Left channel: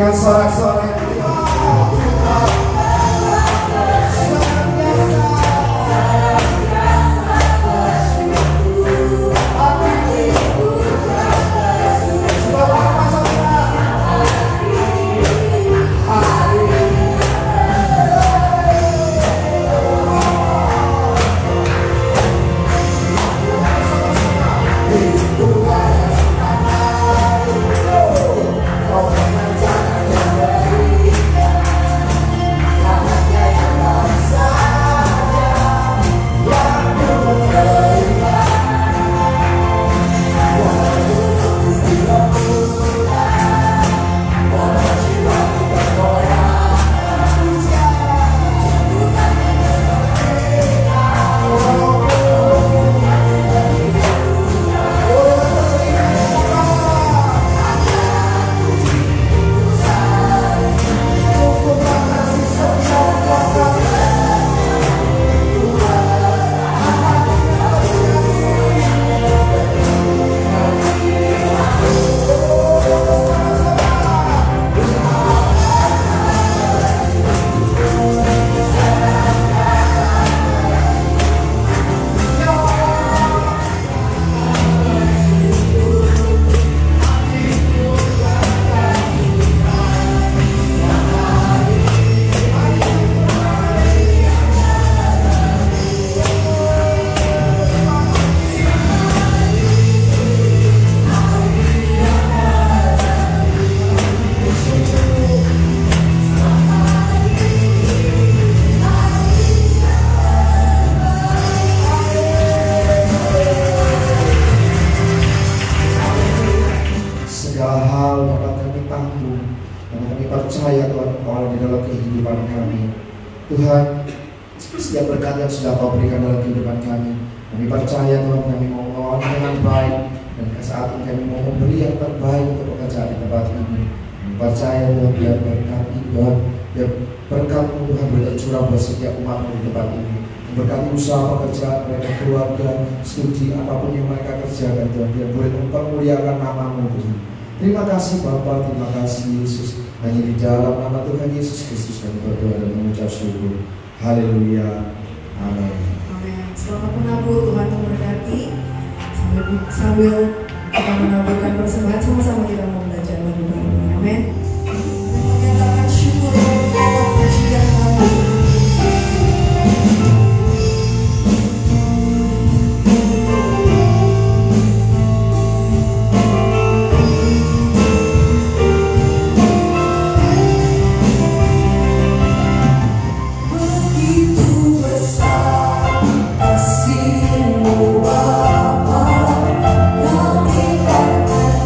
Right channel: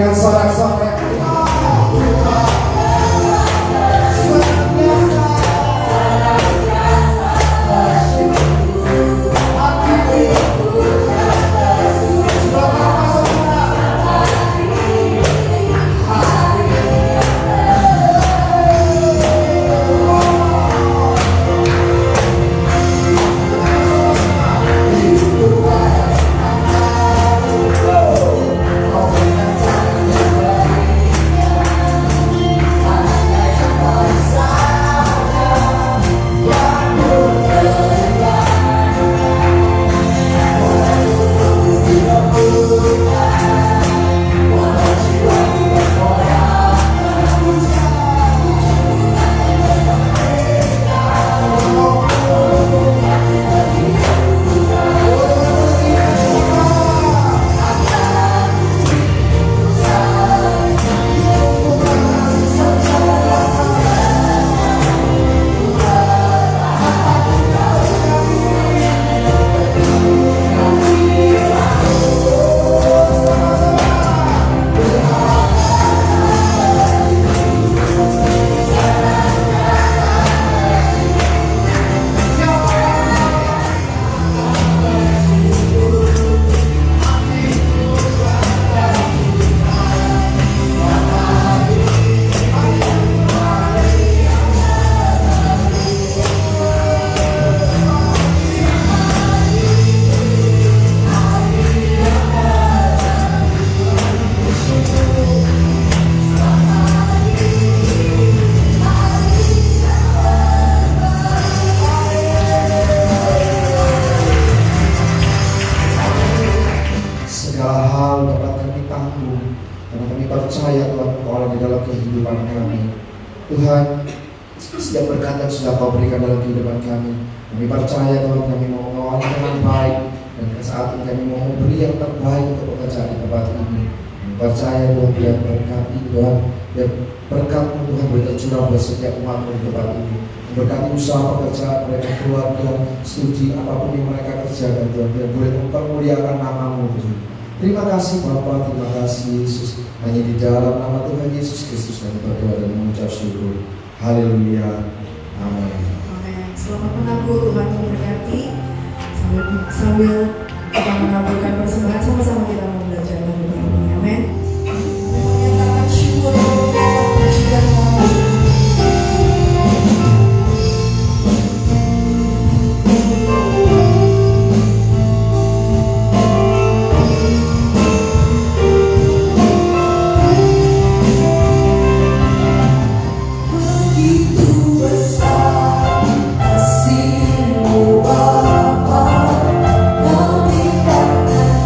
dengan sorak-sorai. Tuhan, setiap berkat yang sudah Kau berikan dalam kehidupan kami, kami percaya Tuhan, kami mau mengelola dengan baik, dan saat ini kami mau memberi yang terbaik untuk pekerjaan di tempat ini. Kami percaya Tuhan, biar berkati Tuhan, biar berkat-Mu Tuhan bercurah buat setiap umat-Mu di tempat ini. Berkati usaha pekerjaan mereka, keluarga, studi, apapun yang mereka kerjakan Tuhan, biar boleh mempermuliakan nama-Mu Tuhan. Terima kasih Bapa, terima kasih Yesus. Hanya di dalam nama Tuhan Yesus Kristus kami berdoa dan mengucap syukur. Haleluya. Amin. Amin. Selamat menabur, Tuhan memberkati. Sambil kita menaburkan persembahan, sama-sama kita belajar lagu baru. Amin. Menyatakan syukur pujian Tuhan. Bapa, kami akan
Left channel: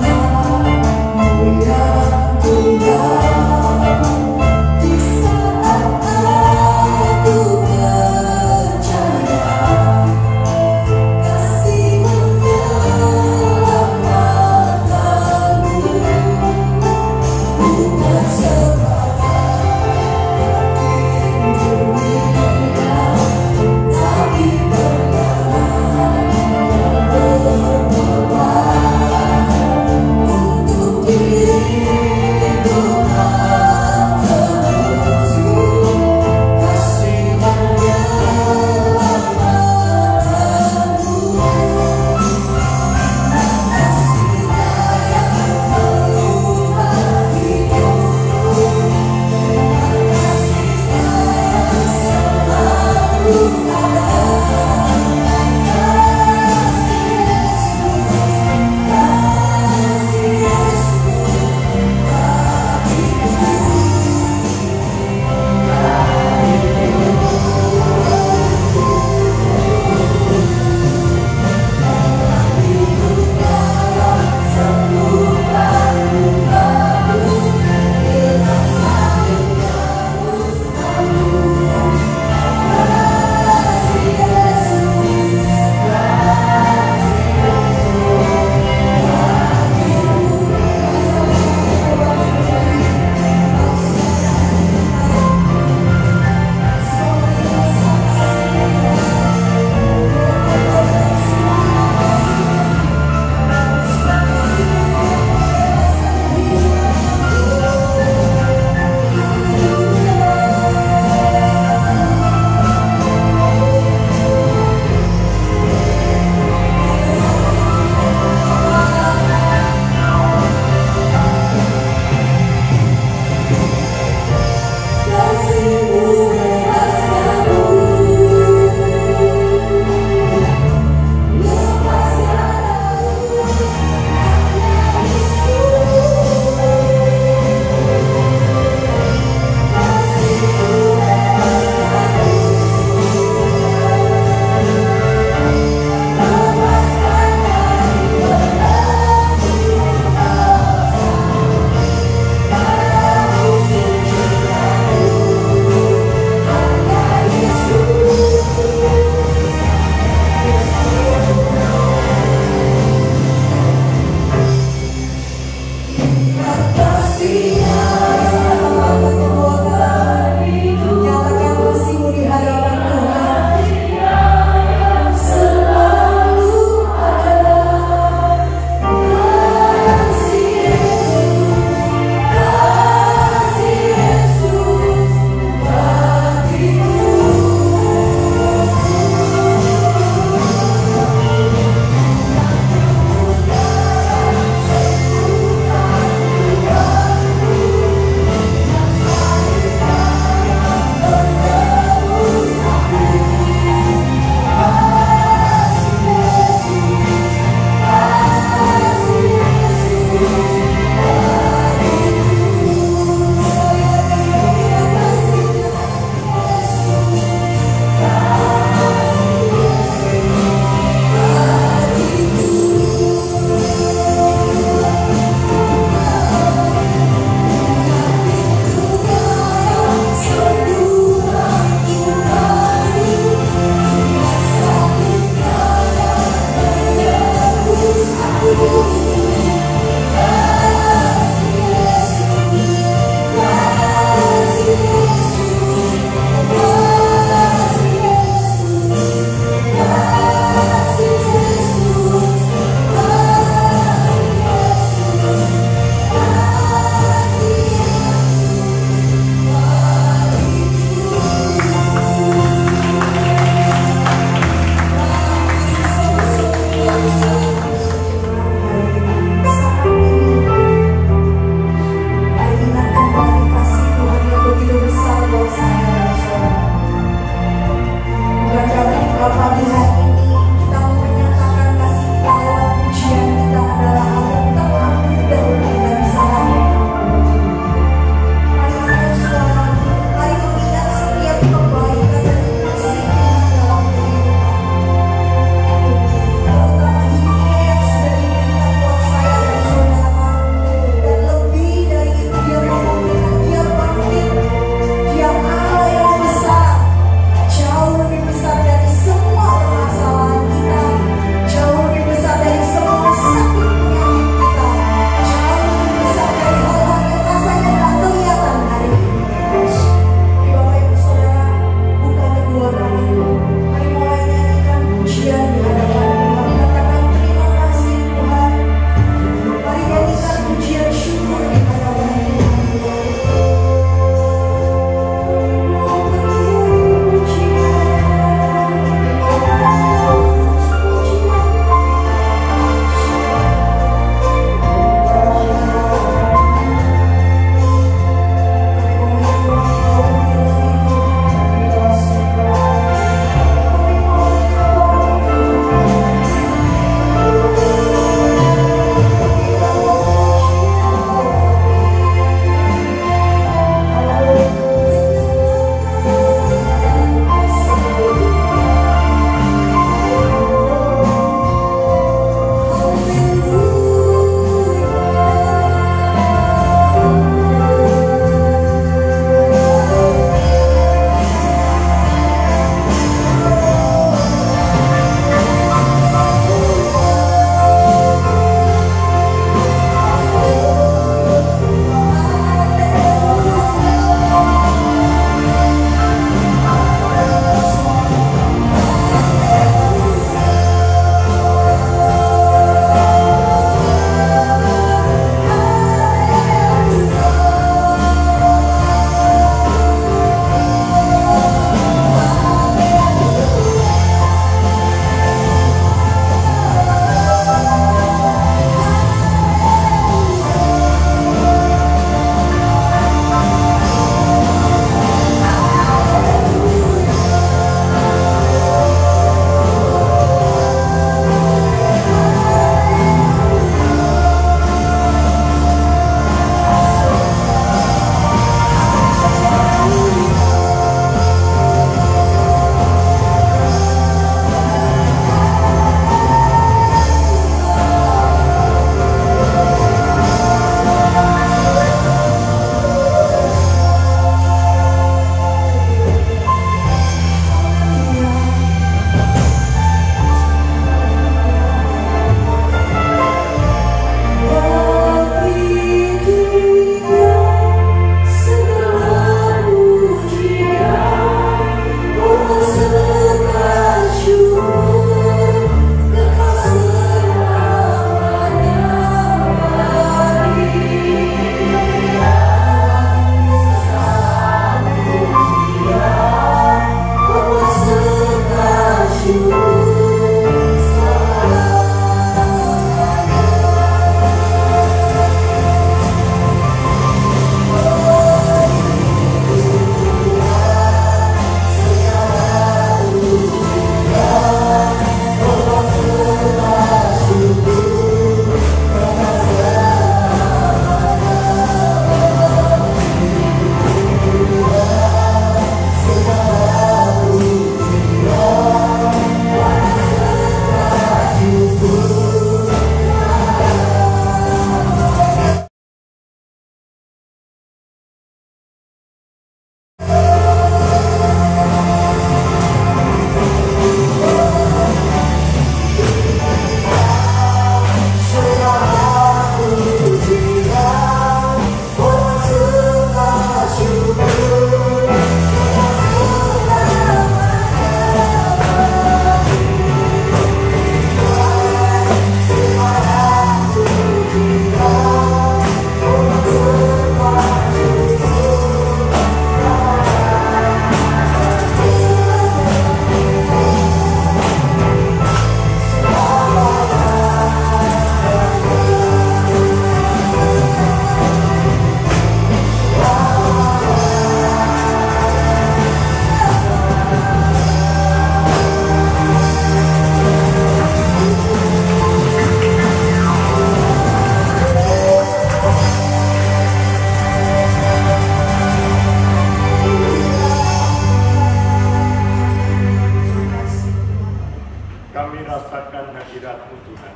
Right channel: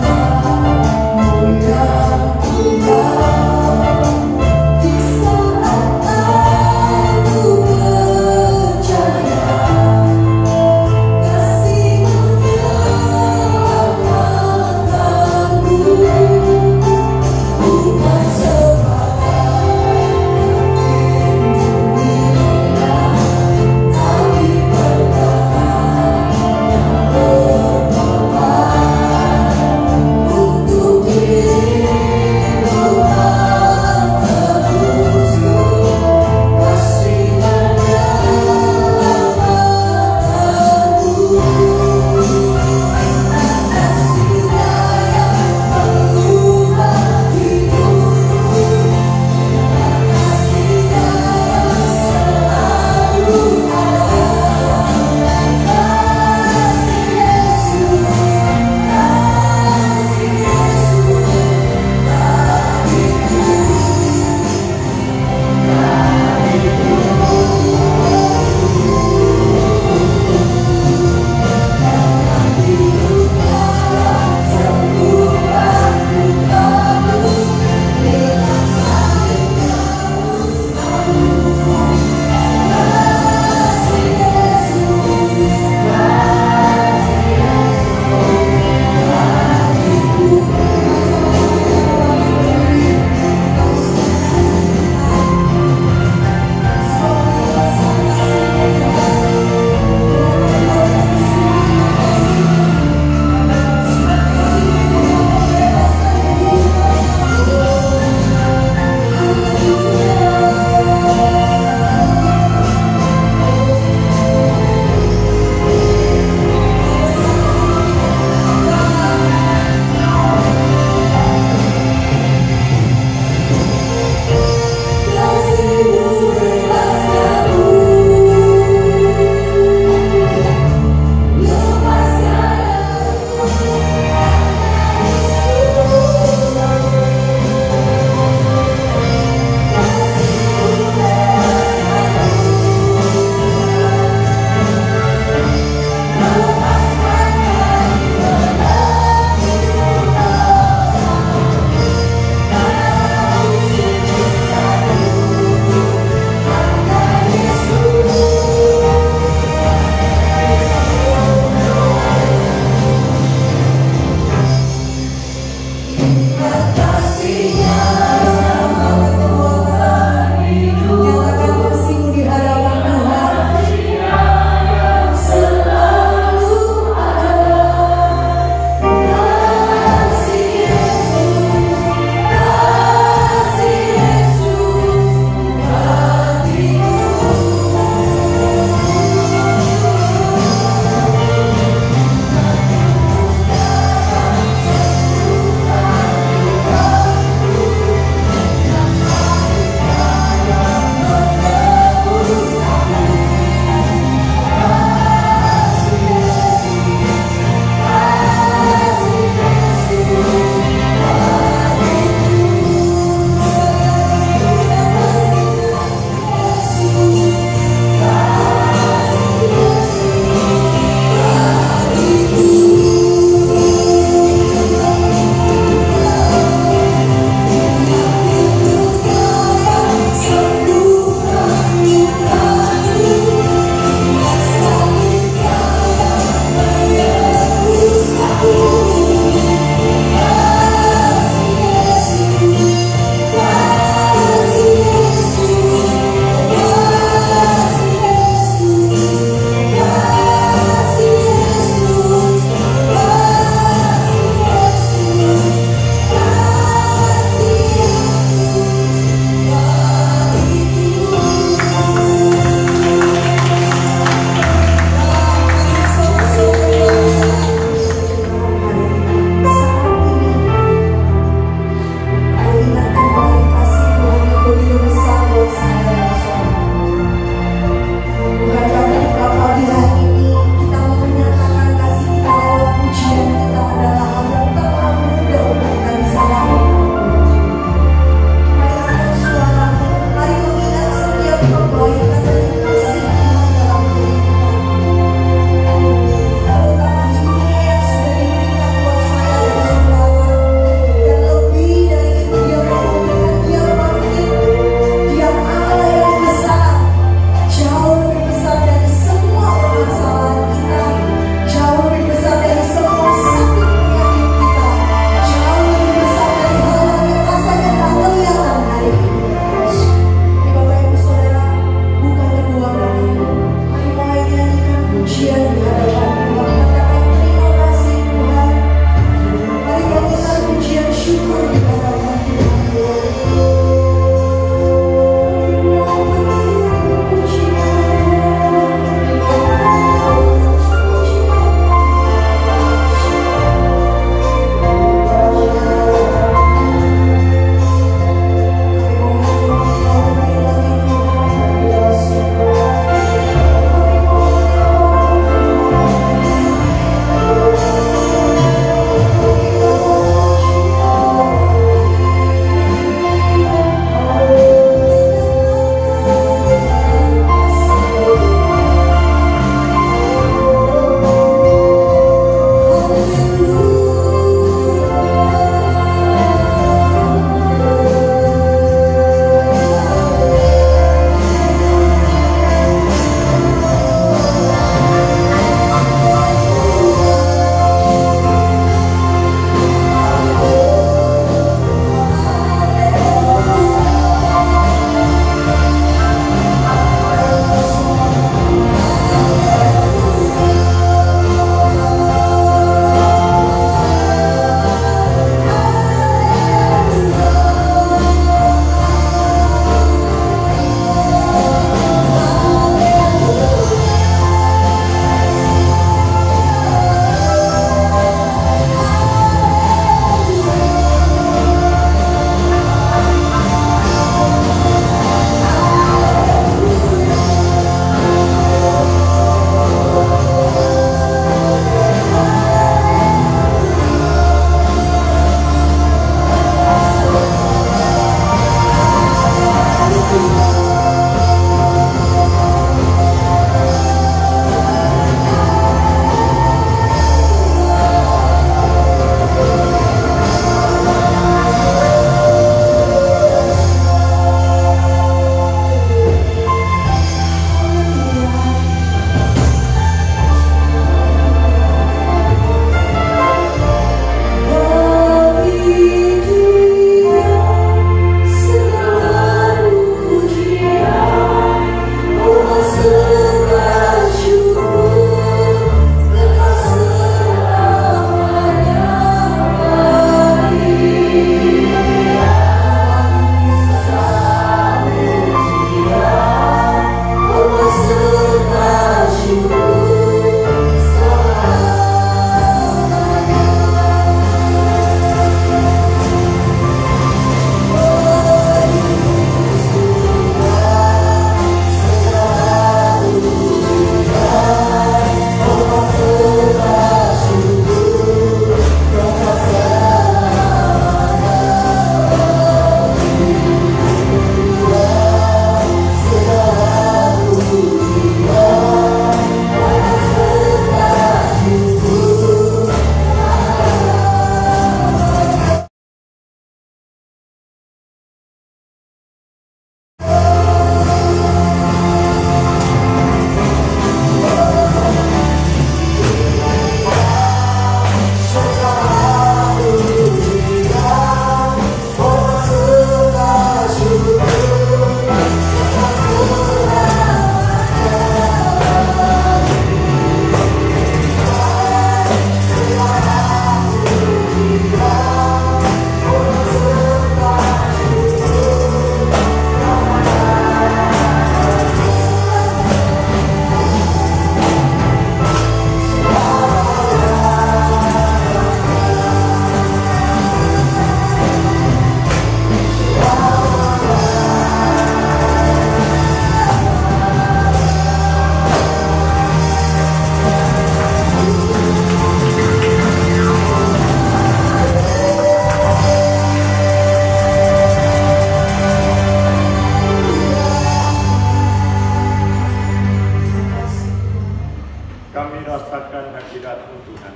Tuhan.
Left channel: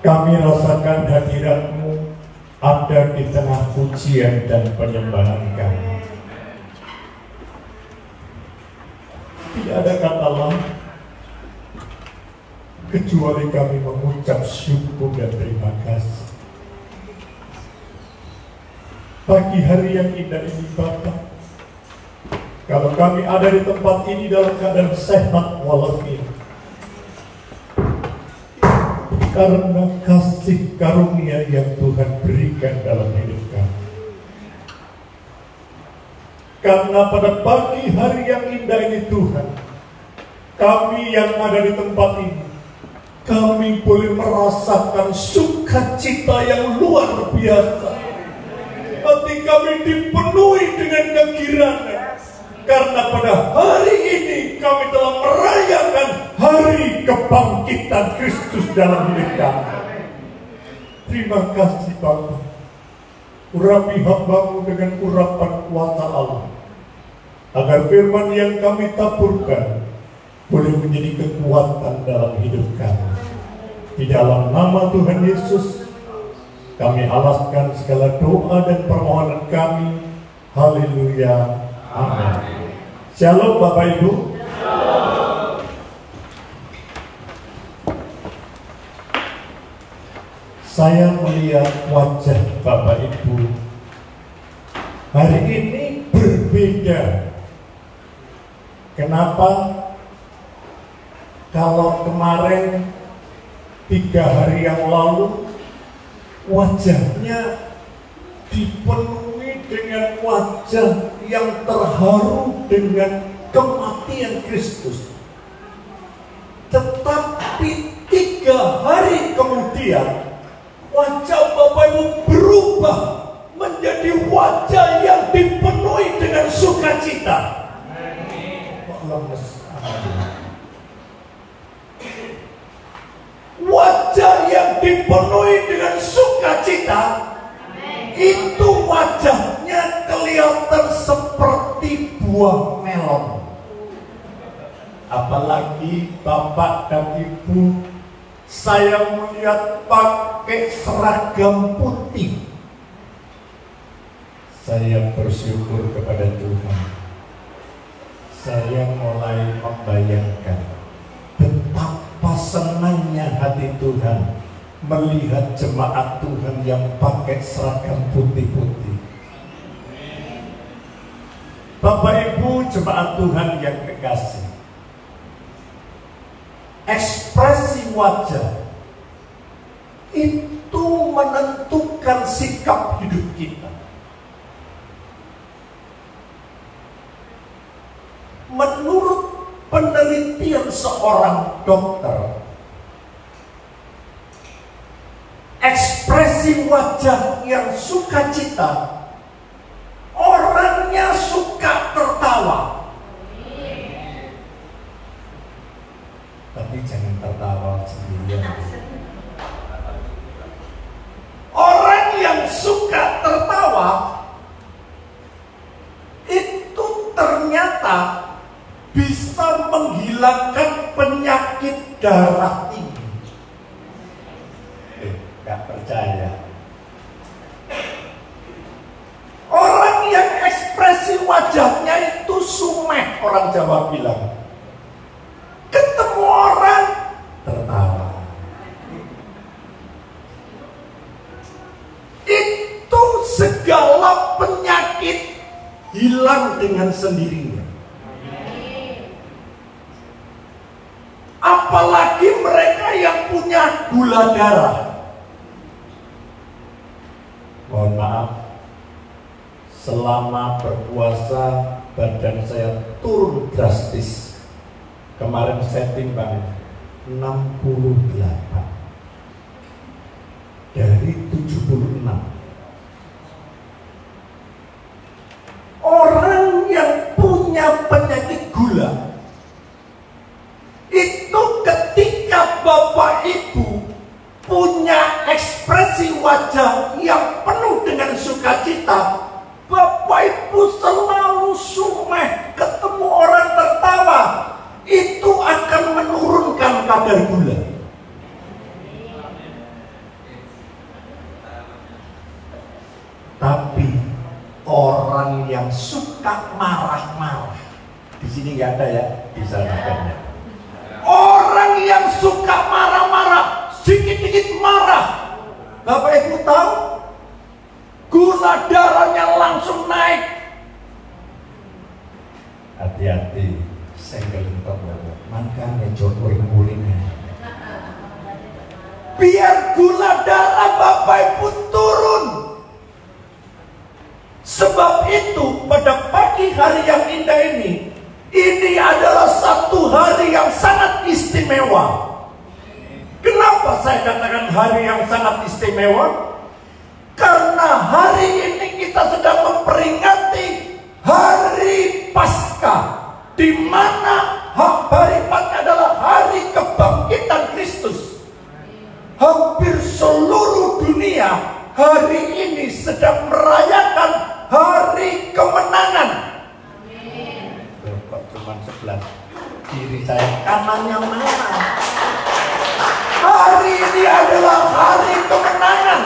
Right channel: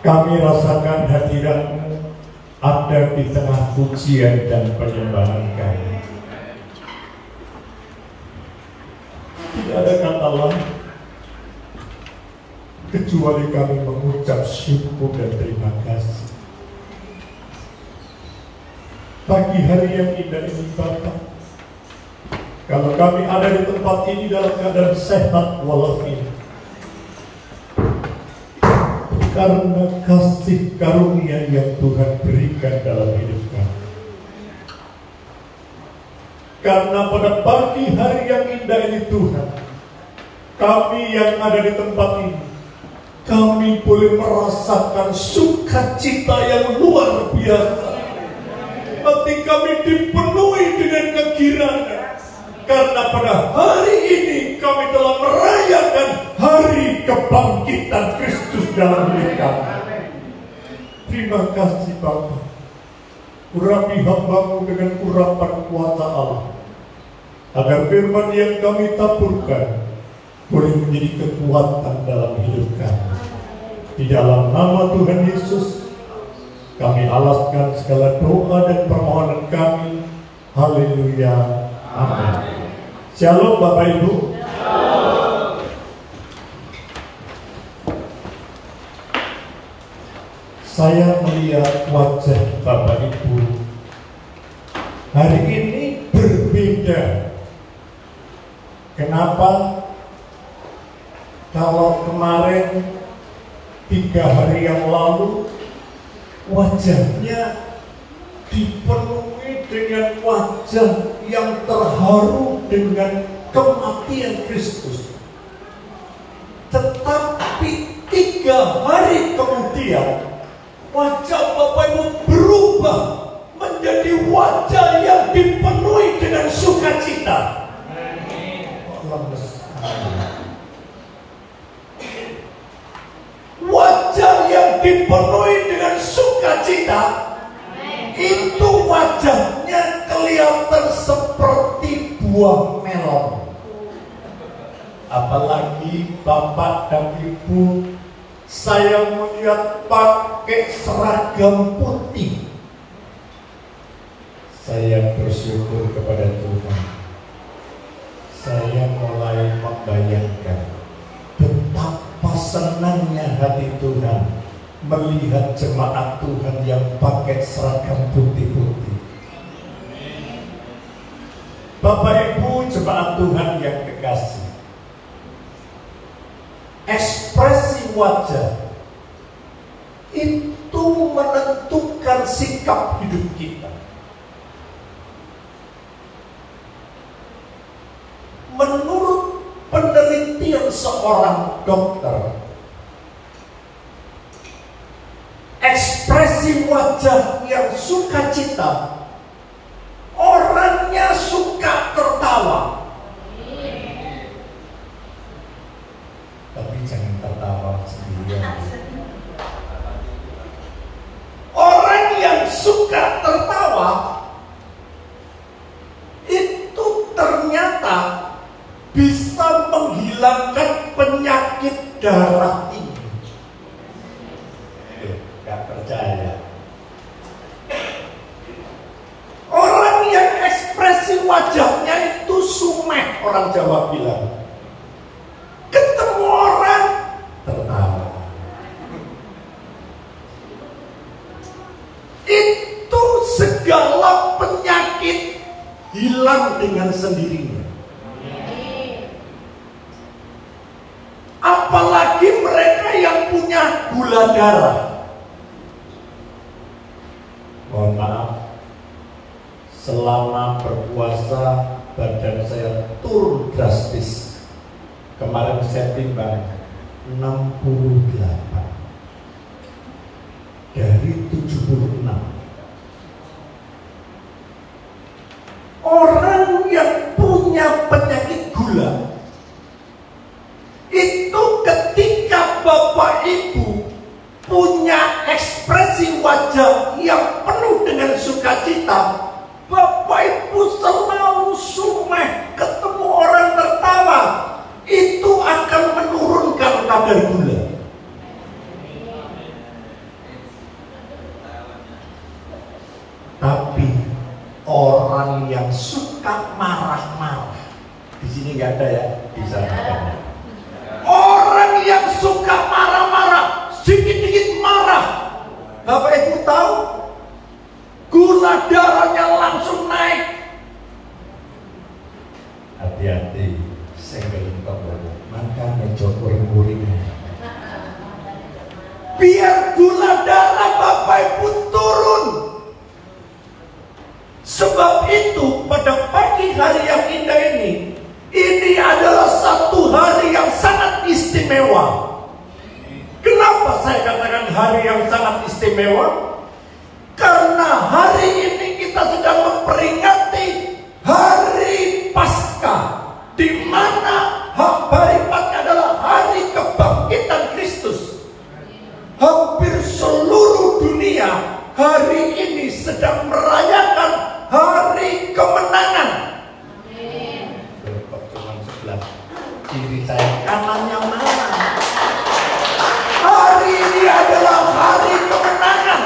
Kami rasakan hadirat-Mu ada di tengah pujian dan penyembahan kami. Tidak ada kata lain kecuali kami mengucap syukur dan terima kasih. Pagi hari yang indah ini Bapa, kalau kami ada di tempat ini dalam keadaan sehat walafiat, karena kasih karunia yang Tuhan berikan dalam hidup kami. Karena pada pagi hari yang indah ini Tuhan, kami yang ada di tempat ini, kami boleh merasakan sukacita yang luar biasa. Hati kami dipenuhi dengan kegirangan, karena pada hari ini kami telah merayakan hari kebangkitan Kristus dalam hidup kami. Terima kasih Bapa. Urapi hamba-Mu dengan urapan kuasa Allah, agar firman yang kami taburkan boleh menjadi kekuatan dalam hidup kami. Di dalam nama Tuhan Yesus kami alaskan segala doa dan permohonan kami. Haleluya. Amin. Shalom Bapak Ibu. Saya melihat wajah Bapak Ibu hari ini berbeda. Kenapa? Kalau kemarin 3 hari yang lalu wajahnya dipenuhi dengan wajah yang terharu dengan kematian Kristus. Tetapi 3 hari kemudian wajah Bapak Ibu berubah menjadi wajah yang dipenuhi dengan sukacita. Wajah yang dipenuhi dengan sukacita, itu wajahnya kelihatan seperti buah melon. Apalagi Bapak dan Ibu, saya melihat pakai seragam putih. Saya bersyukur kepada Tuhan. Saya mulai membayangkan betapa senangnya hati Tuhan melihat jemaat Tuhan yang pakai seragam putih-putih. Bapak Ibu jemaat Tuhan yang kekasih, ekspresi wajah itu menentukan sikap hidup kita. Menurut penelitian seorang dokter, ekspresi wajah yang sukacita, orangnya suka tertawa. Tapi jangan tertawa sendirian. Orang yang suka tertawa itu ternyata bisa menghilangkan penyakit darah tinggi. Tidak percaya. Orang yang ekspresi wajahnya itu sumeh, orang Jawa bilang. Ketemu orang tertawa. Itu segala penyakit hilang dengan sendirinya. Apalagi mereka yang punya gula darah. Mohon maaf, selama berpuasa badan saya turun drastis. Kemarin saya timbang 68 dari 76. Orang yang punya penyakit gula itu ketika Bapak Ibu punya ekspresi wajah yang penuh dengan sukacita, Bapak Ibu selalu sumeh, ketemu orang tertawa, itu kadar gula. Tapi orang yang suka marah-marah, di sini nggak ada ya, di sana ada. Orang yang suka marah-marah, sedikit-sedikit marah, Bapak Ibu tahu, gula darahnya langsung naik. Hati-hati, saya gelentok banget. Makan meja kuring-kuringnya. Biar gula darah Bapak Ibu turun. Sebab itu pada pagi hari yang indah ini adalah satu hari yang sangat istimewa. Kenapa saya katakan hari yang sangat istimewa? Karena hari ini kita sedang memperingati hari Paskah, di mana hari Paskah adalah hari kebangkitan Kristus. Hampir seluruh dunia hari ini sedang merayakan hari kemenangan. Kok cuma sebelah kiri saya, kanannya mana? Hari ini adalah hari kemenangan.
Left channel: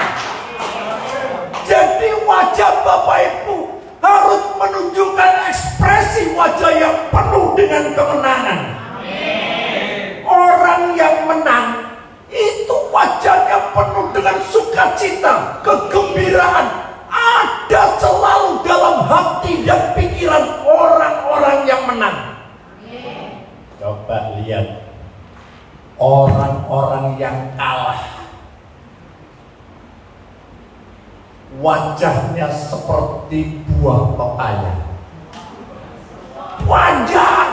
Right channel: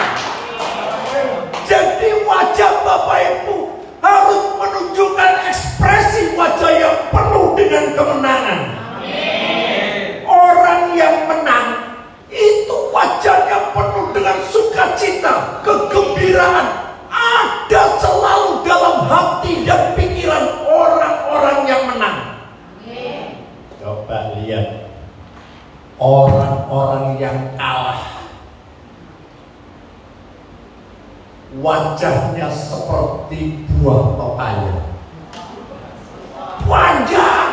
Jadi wajah Bapak Ibu harus menunjukkan ekspresi wajah yang penuh dengan kemenangan. Orang yang menang itu wajahnya penuh dengan sukacita, kegembiraan. Ada selalu dalam hati dan pikiran orang-orang yang menang. Coba lihat orang-orang yang kalah, wajahnya seperti buah pepaya. Wajah.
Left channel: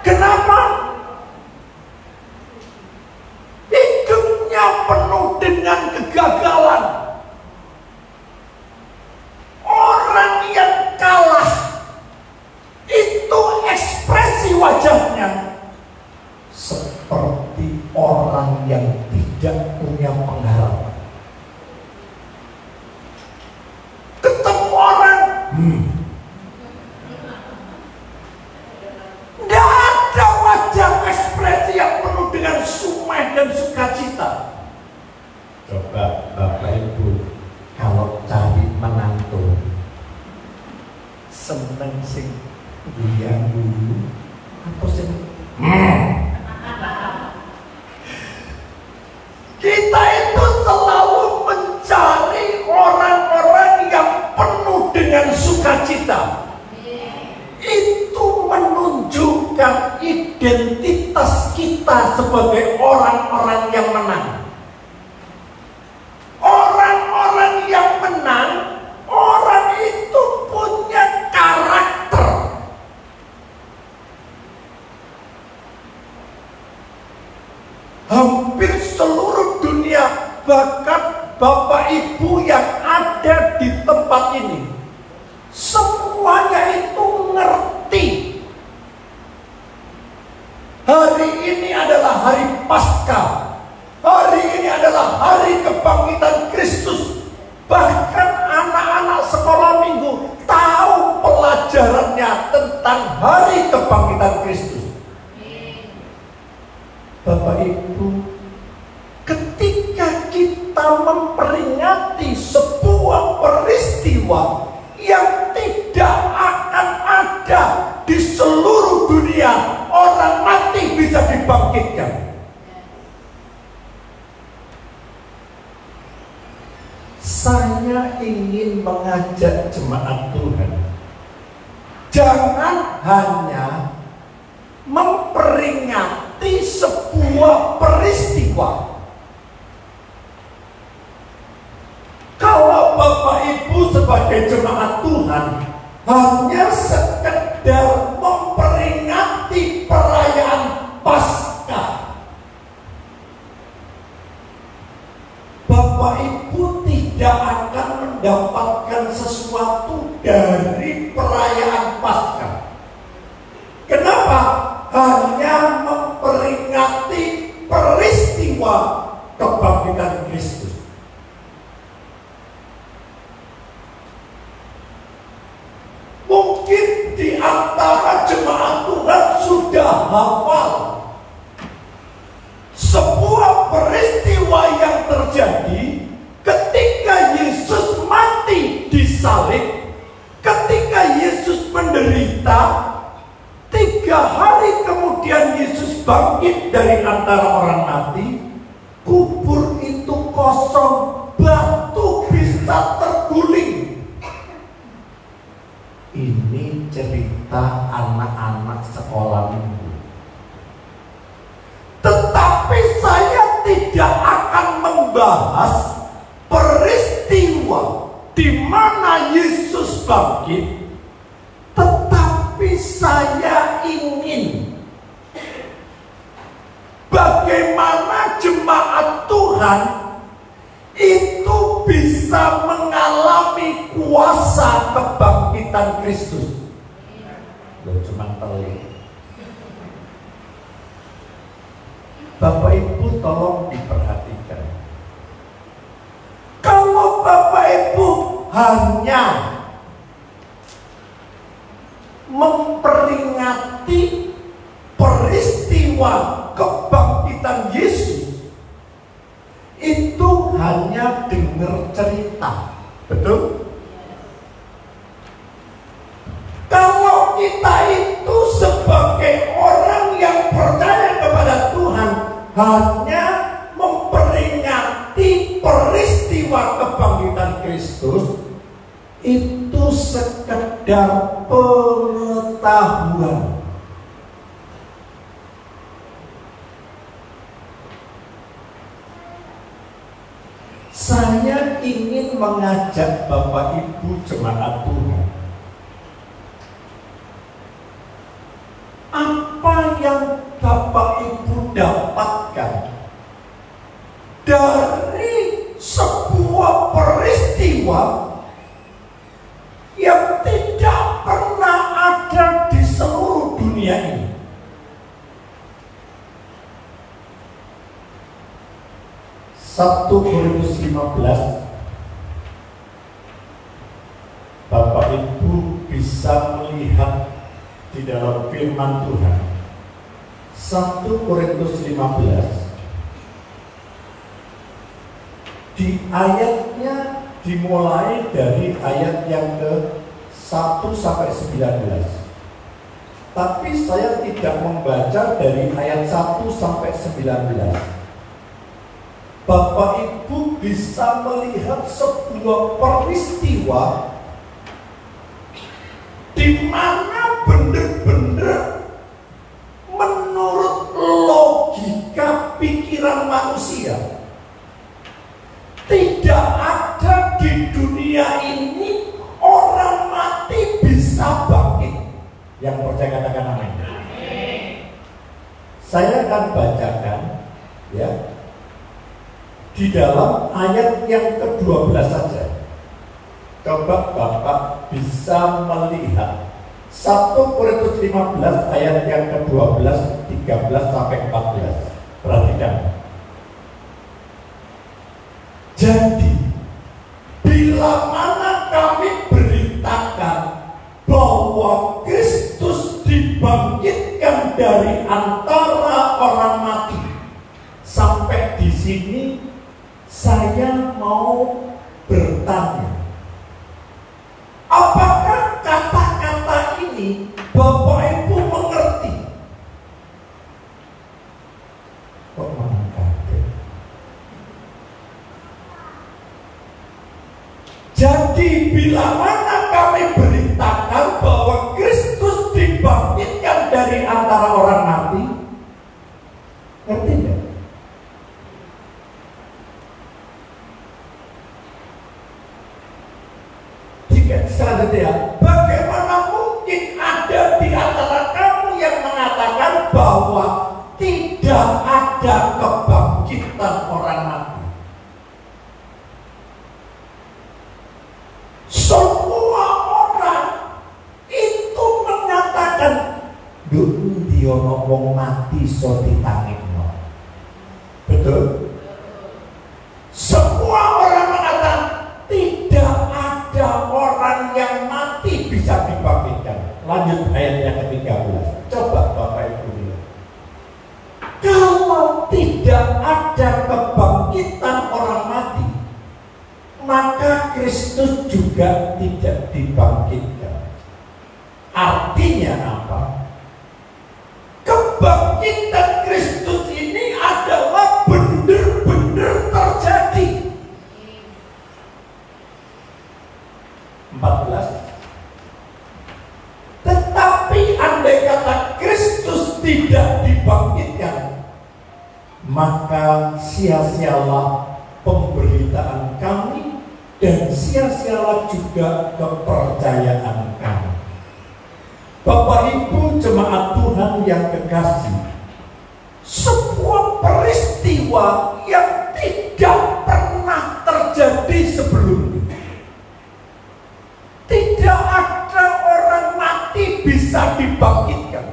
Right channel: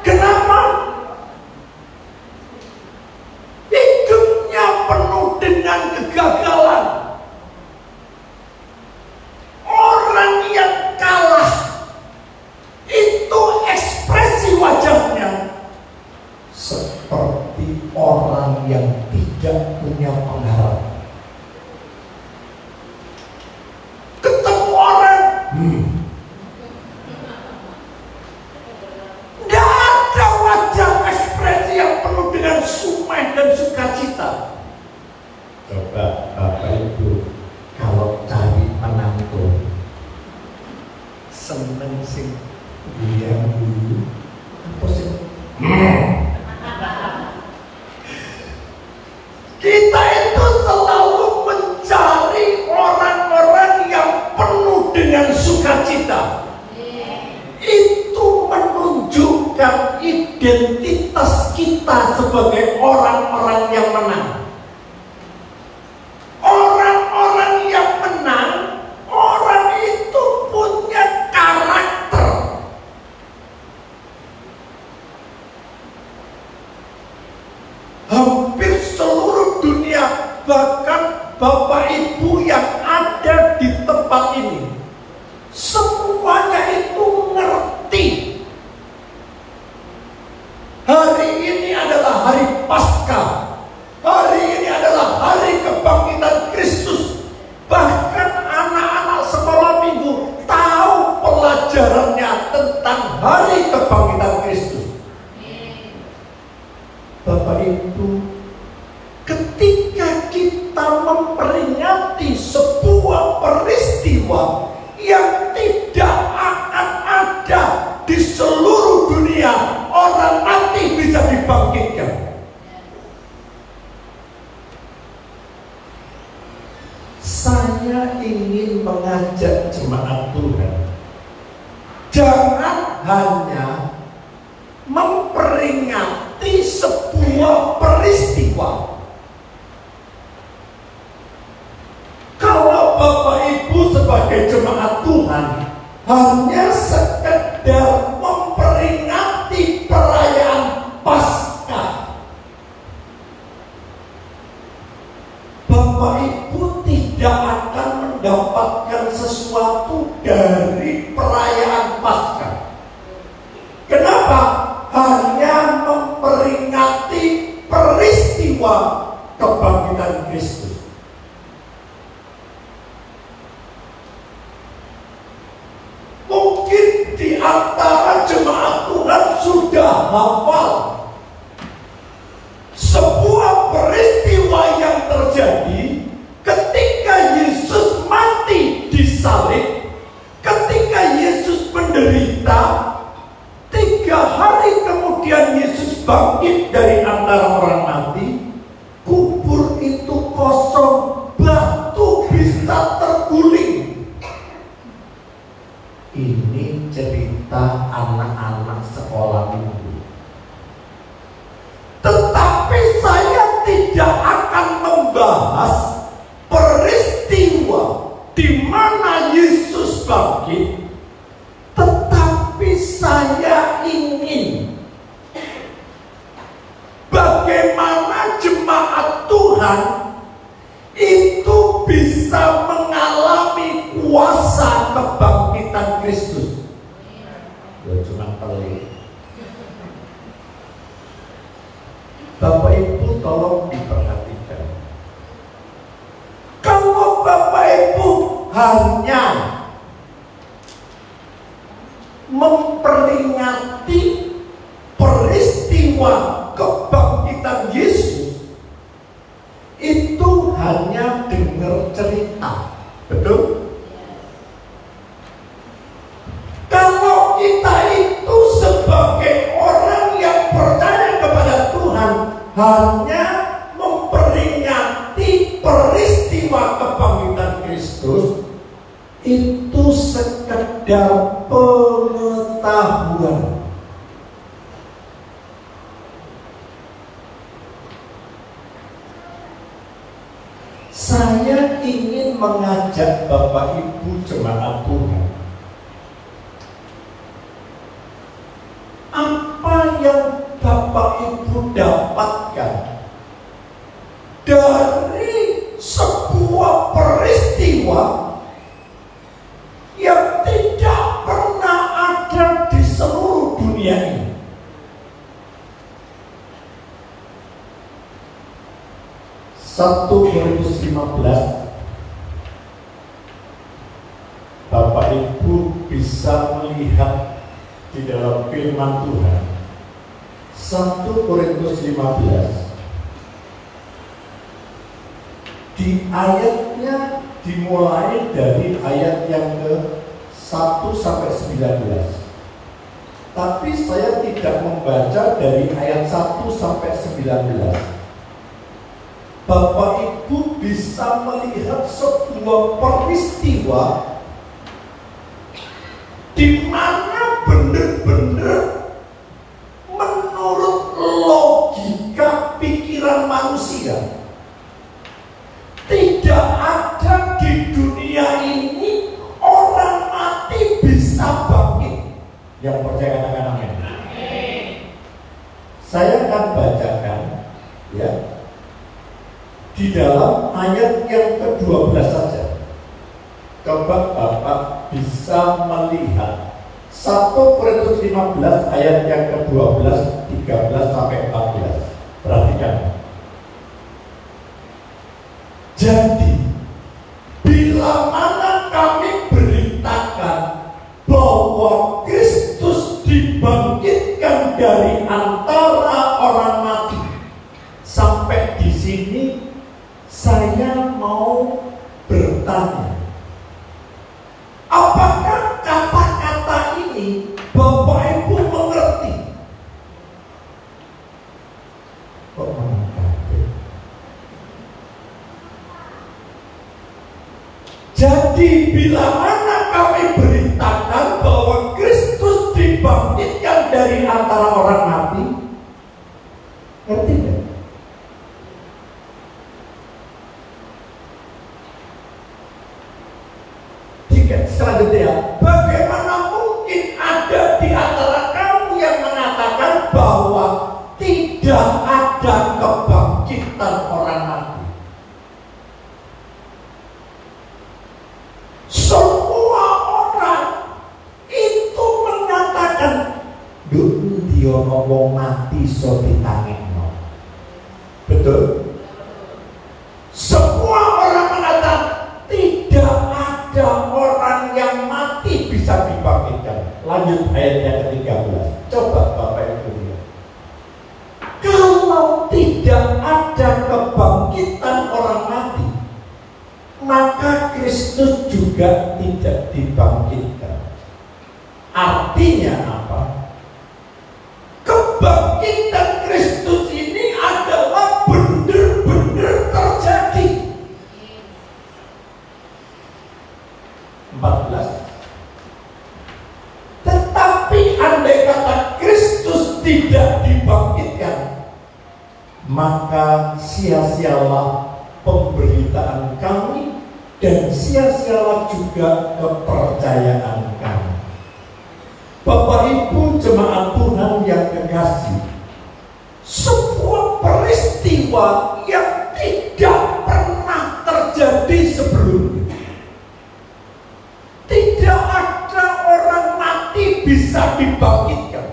Kenapa? Hidupnya penuh dengan kegagalan. Orang yang kalah itu ekspresi wajahnya seperti orang yang tidak punya pengharapan. Ketemu orang, tidak ada wajah ekspresi yang penuh dengan sumai dan sukacita. Coba Bapak Ibu kalau cari menantu, seneng sih biang dulu, apa sih? Kita itu selalu mencari orang-orang yang penuh dengan sukacita. Itu menunjukkan identitas kita sebagai orang-orang yang menang. Orang-orang yang menang, orang itu punya karakter. Hampir seluruh dunia, bahkan Bapak Ibu yang ada di tempat ini, semuanya itu ngerti. Hari ini adalah hari Paskah. Hari ini adalah hari kebangkitan Kristus. Bahkan anak-anak sekolah minggu tahu pelajarannya tentang hari kebangkitan Kristus. Bapak Ibu, ketika kita memperingati sebuah peristiwa yang tidak akan ada di seluruh dunia, orang mati bisa dibangkitkan. Saya ingin mengajak jemaat Tuhan, jangan hanya memperingati sebuah peristiwa. Kalau Bapak Ibu sebagai jemaat Tuhan hanya sekedar memperingati perayaan Paskah, Bapak Ibu tidak akan mendapatkan sesuatu dari perayaan Paskah. Kenapa? Hanya memperingati peristiwa kebangkitan Kristus. Mungkin di antara jemaat Tuhan sudah hafal sebuah peristiwa yang terjadi ketika Yesus mati di salib, ketika Yesus menderita. 3 hari kemudian Yesus bangkit dari antara orang mati. Kubur itu kosong, batu bisa terguling. Ini cerita anak-anak sekolah minggu. Tetapi saya tidak akan membahas peristiwa di mana Yesus bangkit. Tetapi saya ingin bagaimana jemaat Tuhan itu bisa mengalami kuasa kebangkitan Kristus. Ya cuma pelik. Bapak Ibu tolong diperhatikan. Kalau Bapak Ibu hanya memperingati peristiwa kebangkitan Yesus, itu hanya dengar cerita, betul? Kalau kita itu sebagai orang yang percaya kepada Tuhan hanya memperingati peristiwa kebangkitan Kristus, itu sekedar pengetahuan. Saya ingin mengajak Bapak Ibu jemaat Tuhan, apa yang Bapak Ibu dapatkan dari sebuah peristiwa yang tidak pernah ada di seluruh dunia ini. Satu Korintus 15, Bapak Ibu bisa melihat di dalam firman Tuhan. 1 Korintus 15 di ayatnya dimulai dari ayat yang ke-1 sampai 19. Tapi saya tidak membaca dari ayat 1 sampai 19. Bapak Ibu bisa melihat sebuah peristiwa di mana benar-benar menurut logika pikiran manusia tidak ada di dunia ini orang mati bisa bangkit. Yang percaya katakan amin. Saya akan bacakan ya di dalam ayat yang ke-12 saja. Coba Bapak bisa melihat 1 Korintus 15 ayat yang ke-12, 13 sampai 14. Perhatikan. Jadi bila mana kami beritakan bahwa Kristus dibangkitkan dari antara orang mati, sampai di sini saya mau bertanya, apakah kata-kata ini Bapak Ibu mengerti? Kok mengerti? Jadi bila mana kami beritakan bahwa Kristus dibangkitkan dari antara orang mati, ngerti nggak? Selanjutnya, bagaimana mungkin ada di antara kamu yang mengatakan bahwa tidak ada kebangkitan orang mati? Semua orang itu mengatakan, dia ngomong mati so ditangekno. Betul? Semua orang mengatakan tidak ada orang yang mati bisa dibangkitkan. Lanjut ayat yang ke-13. Coba Bapak Ibu lihat. juga tidak dibangkitkan. Artinya apa? Kebangkitan Kristus ini adalah benar-benar terjadi. 14. Tetapi andai kata Kristus tidak dibangkitkan, maka sia-sialah pemberitaan kami dan sia-sialah juga kepercayaan kami. Bapak Ibu jemaat Tuhan yang kekasih, sebuah peristiwa yang tidak pernah terjadi sebelumnya. Tidak ada orang mati bisa dibangkitkan.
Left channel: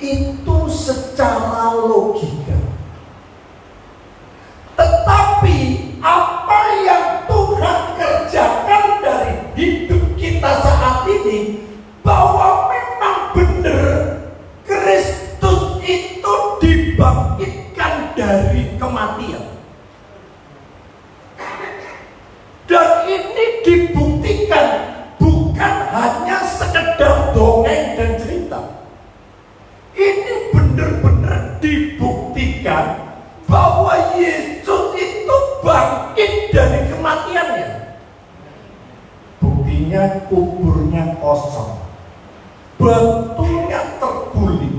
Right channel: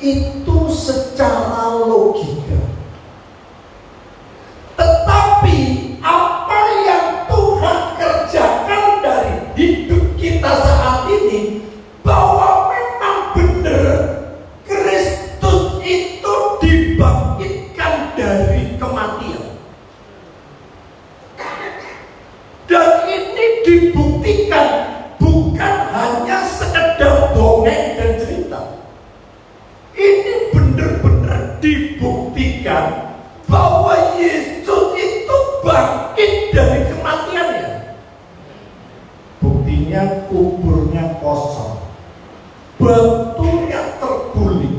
Itu secara logika. Tetapi apa yang Tuhan kerjakan dari hidup kita saat ini, bahwa memang benar Kristus itu dibangkitkan dari kematian. Dan ini dibuktikan bukan hanya sekedar dongeng dan cerita. Ini benar-benar dibuktikan bahwa Yesus itu bangkit dari kematiannya. Buktinya kuburnya kosong, batunya terguling.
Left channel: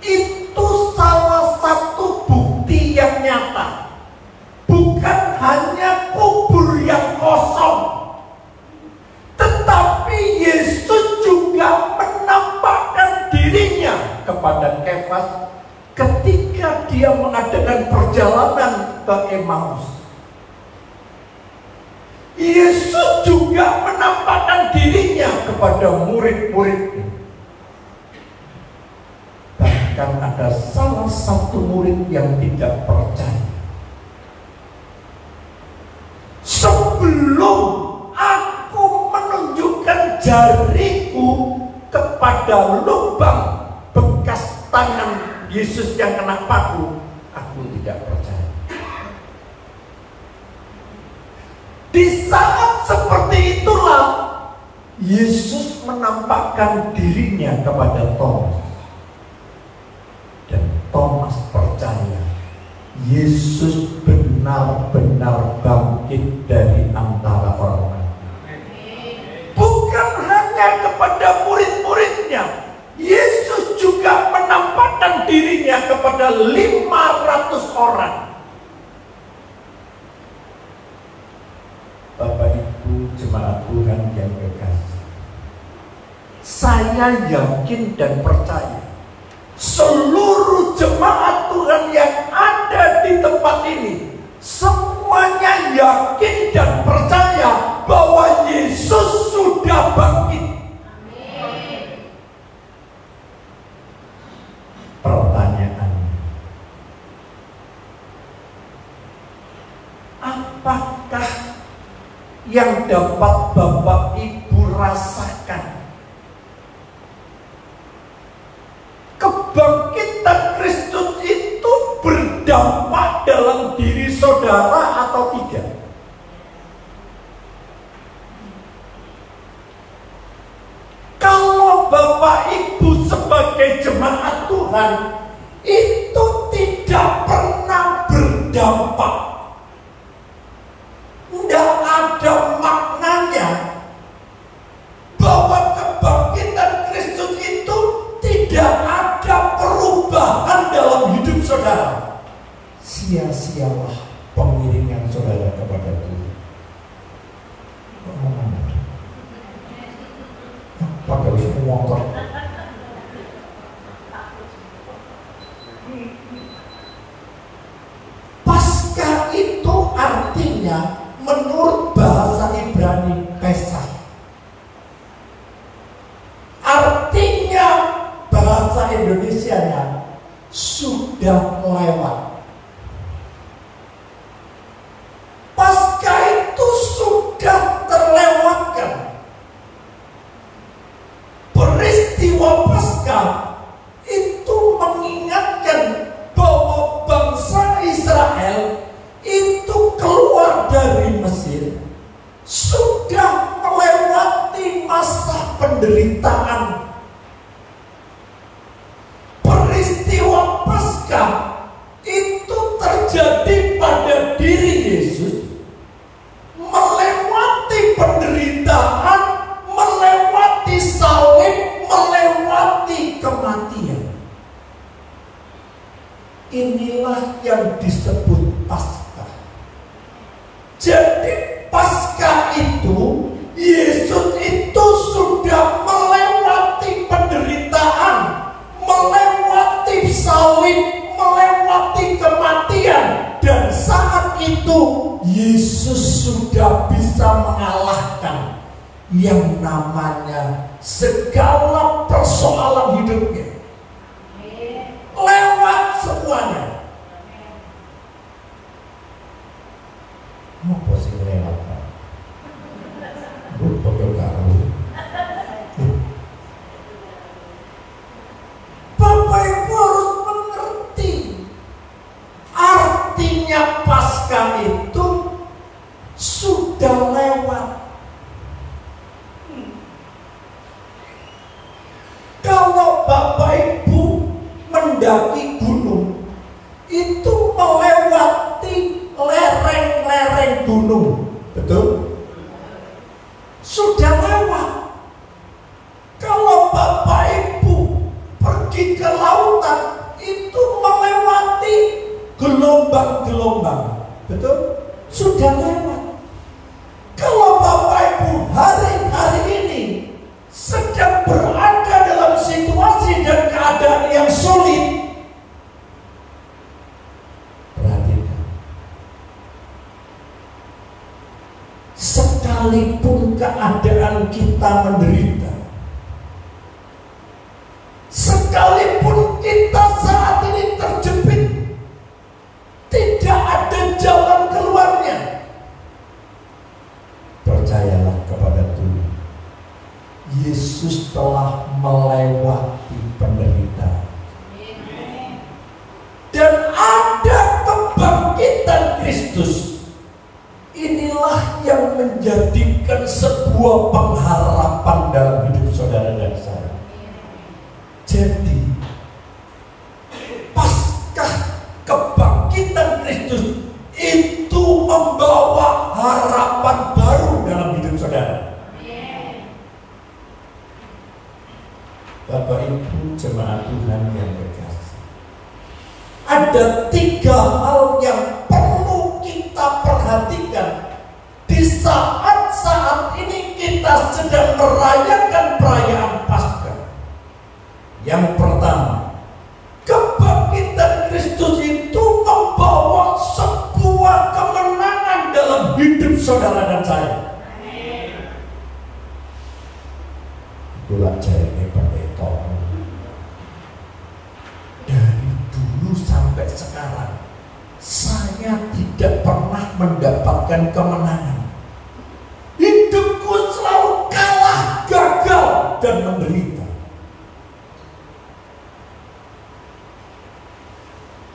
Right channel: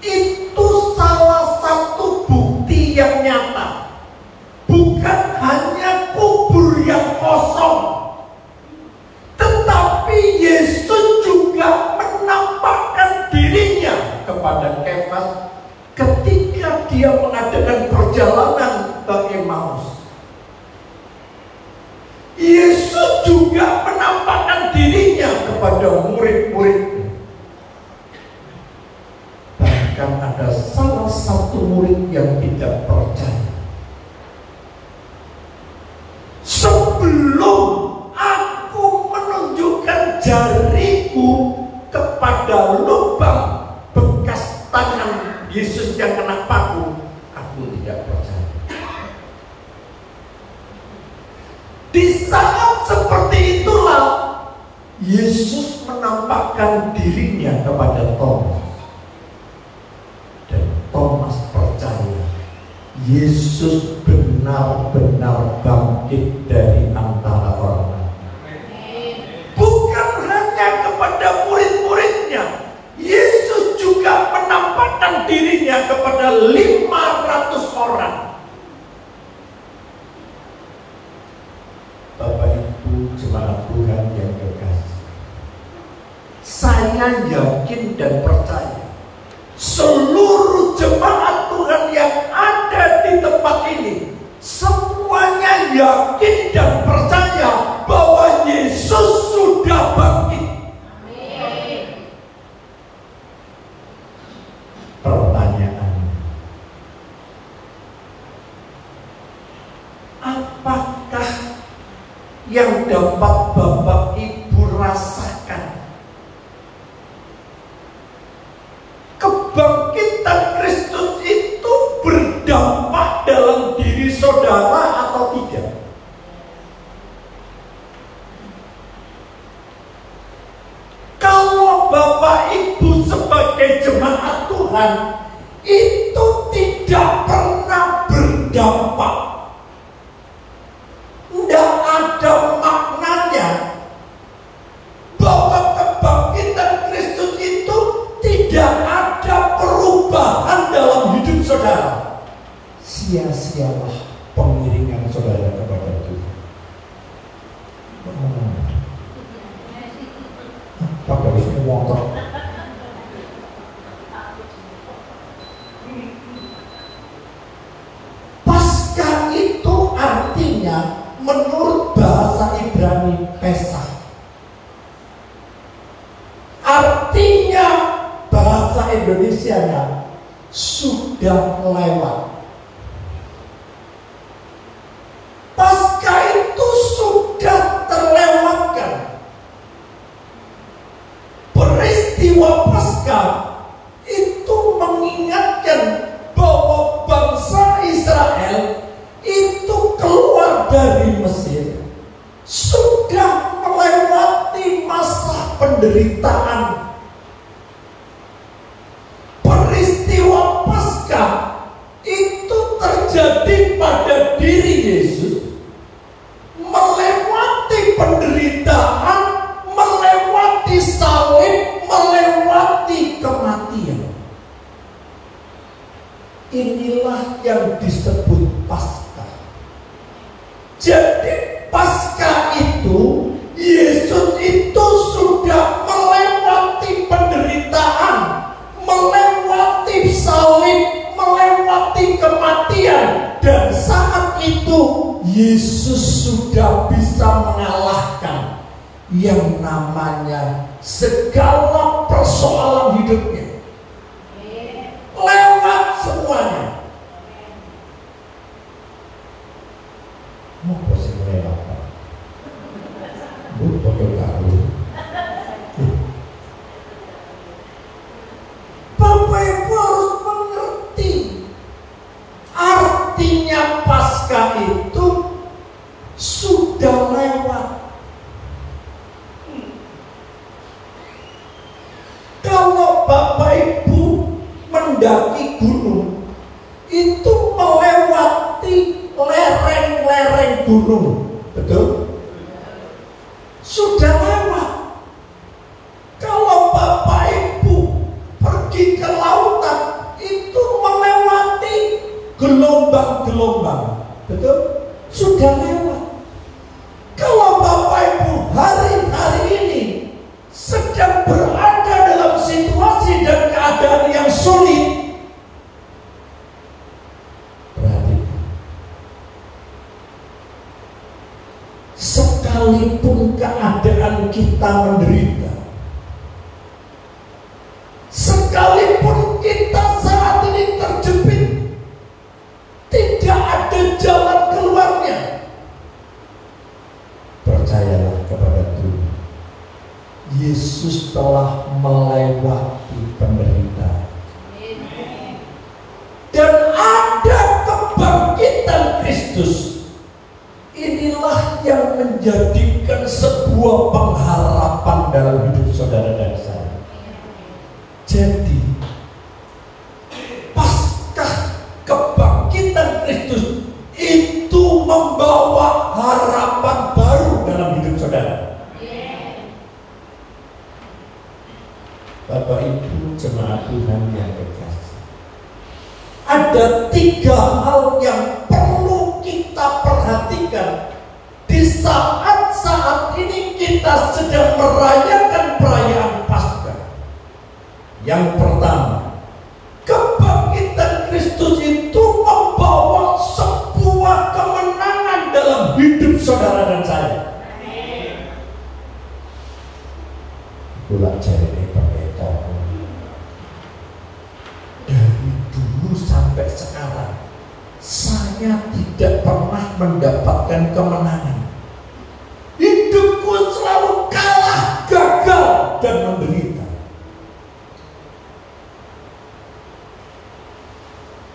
Itu salah satu bukti yang nyata. Bukan hanya kubur yang kosong, tetapi Yesus juga menampakkan dirinya kepada Kefas ketika dia mengadakan perjalanan ke Emmaus. Yesus juga menampakkan dirinya kepada murid-muridnya. Bahkan ada salah satu murid yang tidak percaya. Sebelum aku menunjukkan jariku kepada lubang bekas tangan Yesus yang kena paku, aku tidak percaya. Di saat seperti itulah Yesus menampakkan dirinya kepada Thomas. Dan Thomas percaya Yesus benar-benar bangkit dari antara orang. Bukan hanya kepada murid-muridnya, Yesus juga menampakkan dirinya kepada 500 orang. Bapak Ibu jemaat Tuhan yang berkasih, saya yakin dan percaya seluruh jemaat Tuhan yang ada di tempat ini semuanya yakin dan percaya bahwa Yesus sudah bangkit. Amin. Pertanyaannya, apakah yang dapat Bapak Ibu rasakan? Kebangkitan Kristus itu berdampak dalam diri saudara atau tidak? Kalau Bapak Ibu sebagai jemaat Tuhan itu tidak pernah berdampak, tidak ada maknanya bahwa kebangkitan Kristus itu tidak ada perubahan dalam hidup saudara, sia-sialah pengiringan saudara kepada Tuhan. Bapak Ibu motor. Pasca itu artinya menurut bahasa Ibrani Pesach. Artinya bahasa Indonesianya sudah lewat. Pasca itu sudah terlewatkan. Peristiwa Pasca itu mengingatkan bahwa bangsa Israel penderitaan. Peristiwa Paskah itu terjadi pada diri Yesus, melewati penderitaan, melewati salib, melewati kematian. Inilah yang disebut Paskah. Jadi Paskah itu, Yesus itu sudah melewati penderitaan, melewati salib, melewati kematian. Dan saat itu Yesus sudah bisa mengalahkan yang namanya segala persoalan hidupnya. Lewat semuanya. Mau sih lewat Pak? Betul kamu. Bapak Ibu harus mengerti artinya Paskah itu sudah lewat. Kalau Bapak Ibu mendaki gunung, itu melewati lereng-lereng gunung, betul? Sudah lewat. Kalau Bapak Ibu pergi ke lautan, itu melewati gelombang-gelombang, betul? Sudah lewat. Kalau Bapak Ibu hari-hari ini sedang berada dalam situasi dan keadaan yang sulit, perhatikan, sekalipun keadaan kita menderita, sekalipun kita saat ini terjepit, tidak ada jalan keluarnya, percayalah kepada Tuhan. Yesus telah melewati penderitaan. Dan ada kebangkitan Kristus. Inilah yang menjadikan sebuah pengharapan dalam hidup saudara dan saya. Jadi Paskah kebangkitan Kristus itu membawa harapan baru dalam hidup saudara. Bapak Ibu jemaat Tuhan yang berkasih, ada 3 hal yang perlu kita perhatikan di saat-saat ini kita sedang merayakan perayaan Paskah. Yang pertama, kebangkitan Kristus itu membawa sebuah kemenangan dalam hidup saudara dan saya. Itulah cari dari dulu sampai sekarang saya tidak pernah mendapatkan kemenangan. Hidupku selalu kalah, gagal, dan menderita.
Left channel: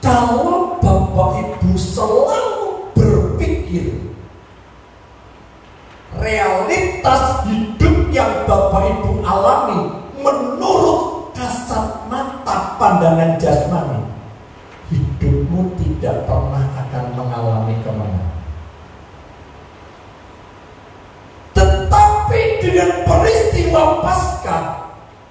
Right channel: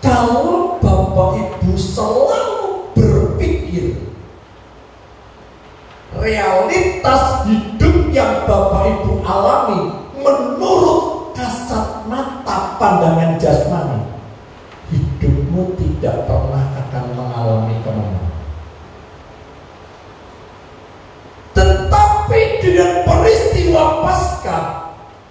Kalau Bapak Ibu selalu berpikir realitas hidup yang Bapak Ibu alami menurut kasat mata pandangan jasmani, hidupmu tidak pernah akan mengalami kemenangan. Tetapi dengan peristiwa Paskah,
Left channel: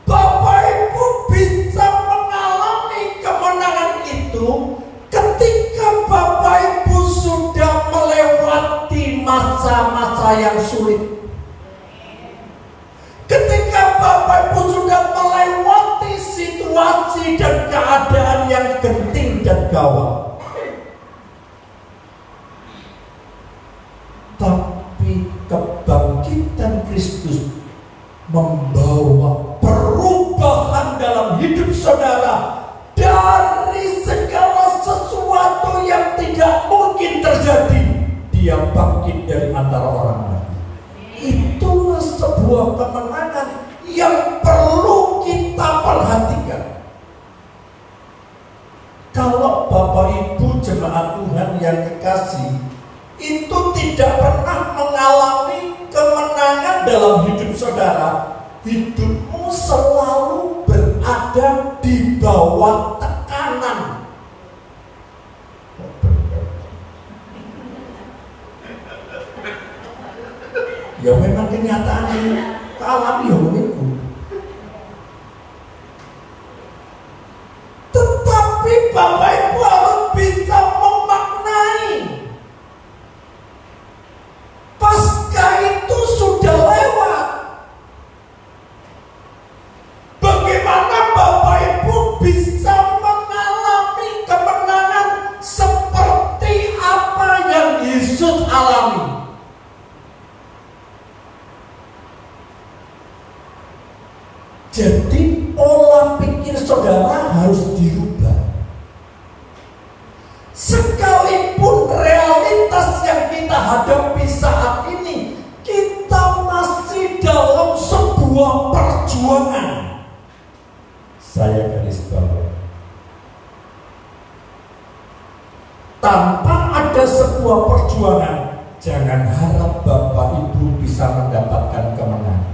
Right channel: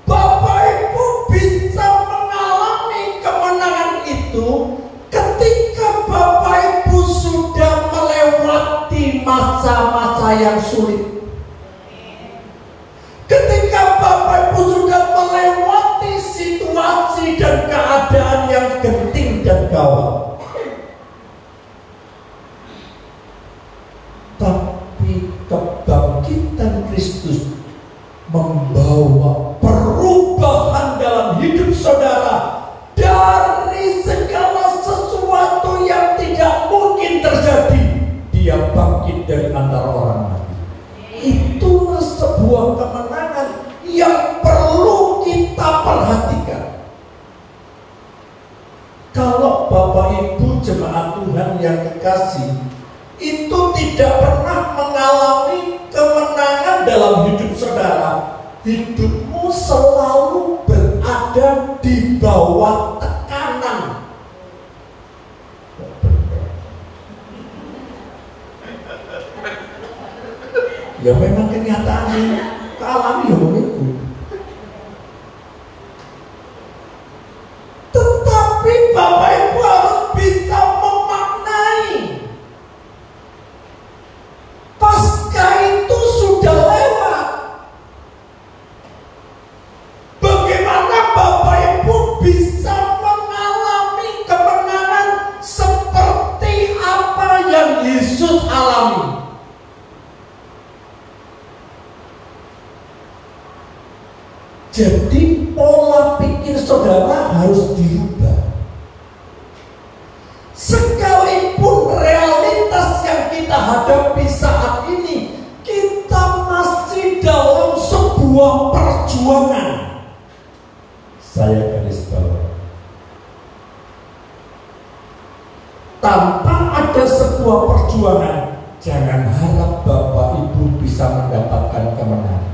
Bapak Ibu bisa mengalami kemenangan itu ketika Bapak Ibu sudah melewati masa-masa yang sulit. Ketika Bapak Ibu sudah melewati situasi dan keadaan yang genting dan gawat, tapi kebangkitan Kristus membawa perubahan dalam hidup saudara. Dari segala sesuatu yang tidak mungkin terjadi, dia bangkit dari antara orang mati. Itulah sebuah kemenangan yang perlu kita perhatikan. Kalau Bapak Ibu jemaat Tuhan yang dikasih itu tidak pernah mengalami kemenangan dalam hidup saudara, hidupmu selalu berada di bawah tekanan. Ya memang kenyataannya alami ya begitu. Tetapi Bapak Ibu harus bisa memaknai pasca itu sudah lewat. Bagaimana Bapak Ibu bisa mengalami kemenangan seperti apa yang Yesus alami? Jadi pola pikir saudara harus dirubah. Sekalipun realitas yang kita hadapi saat ini, kita masih dalam sebuah perjuangan. Saya garis bawah. Tanpa ada sebuah perjuangan, jangan harap Bapak Ibu bisa mendapatkan kemenangan.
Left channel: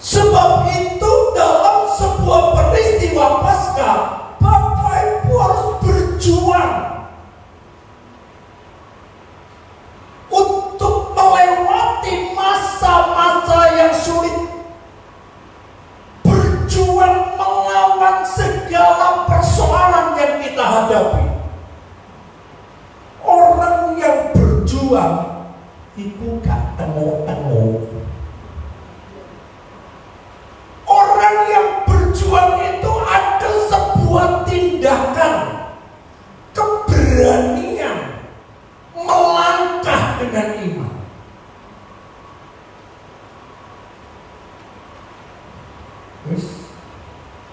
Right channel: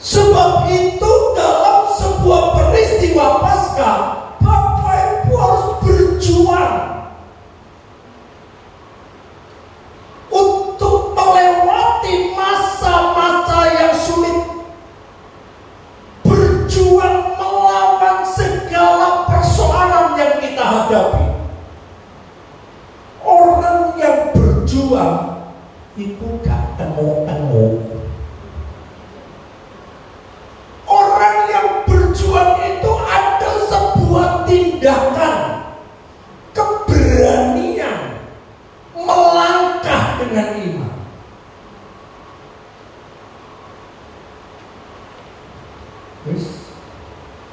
Sebab itu dalam sebuah peristiwa Paskah, Bapak Ibu harus berjuang untuk melewati masa-masa yang sulit. Berjuang melawan segala persoalan yang kita hadapi. Orang yang berjuang itu gak tengok-tengok. Orang yang berjuang itu ada sebuah tindakan, keberanian melangkah dengan iman. Wis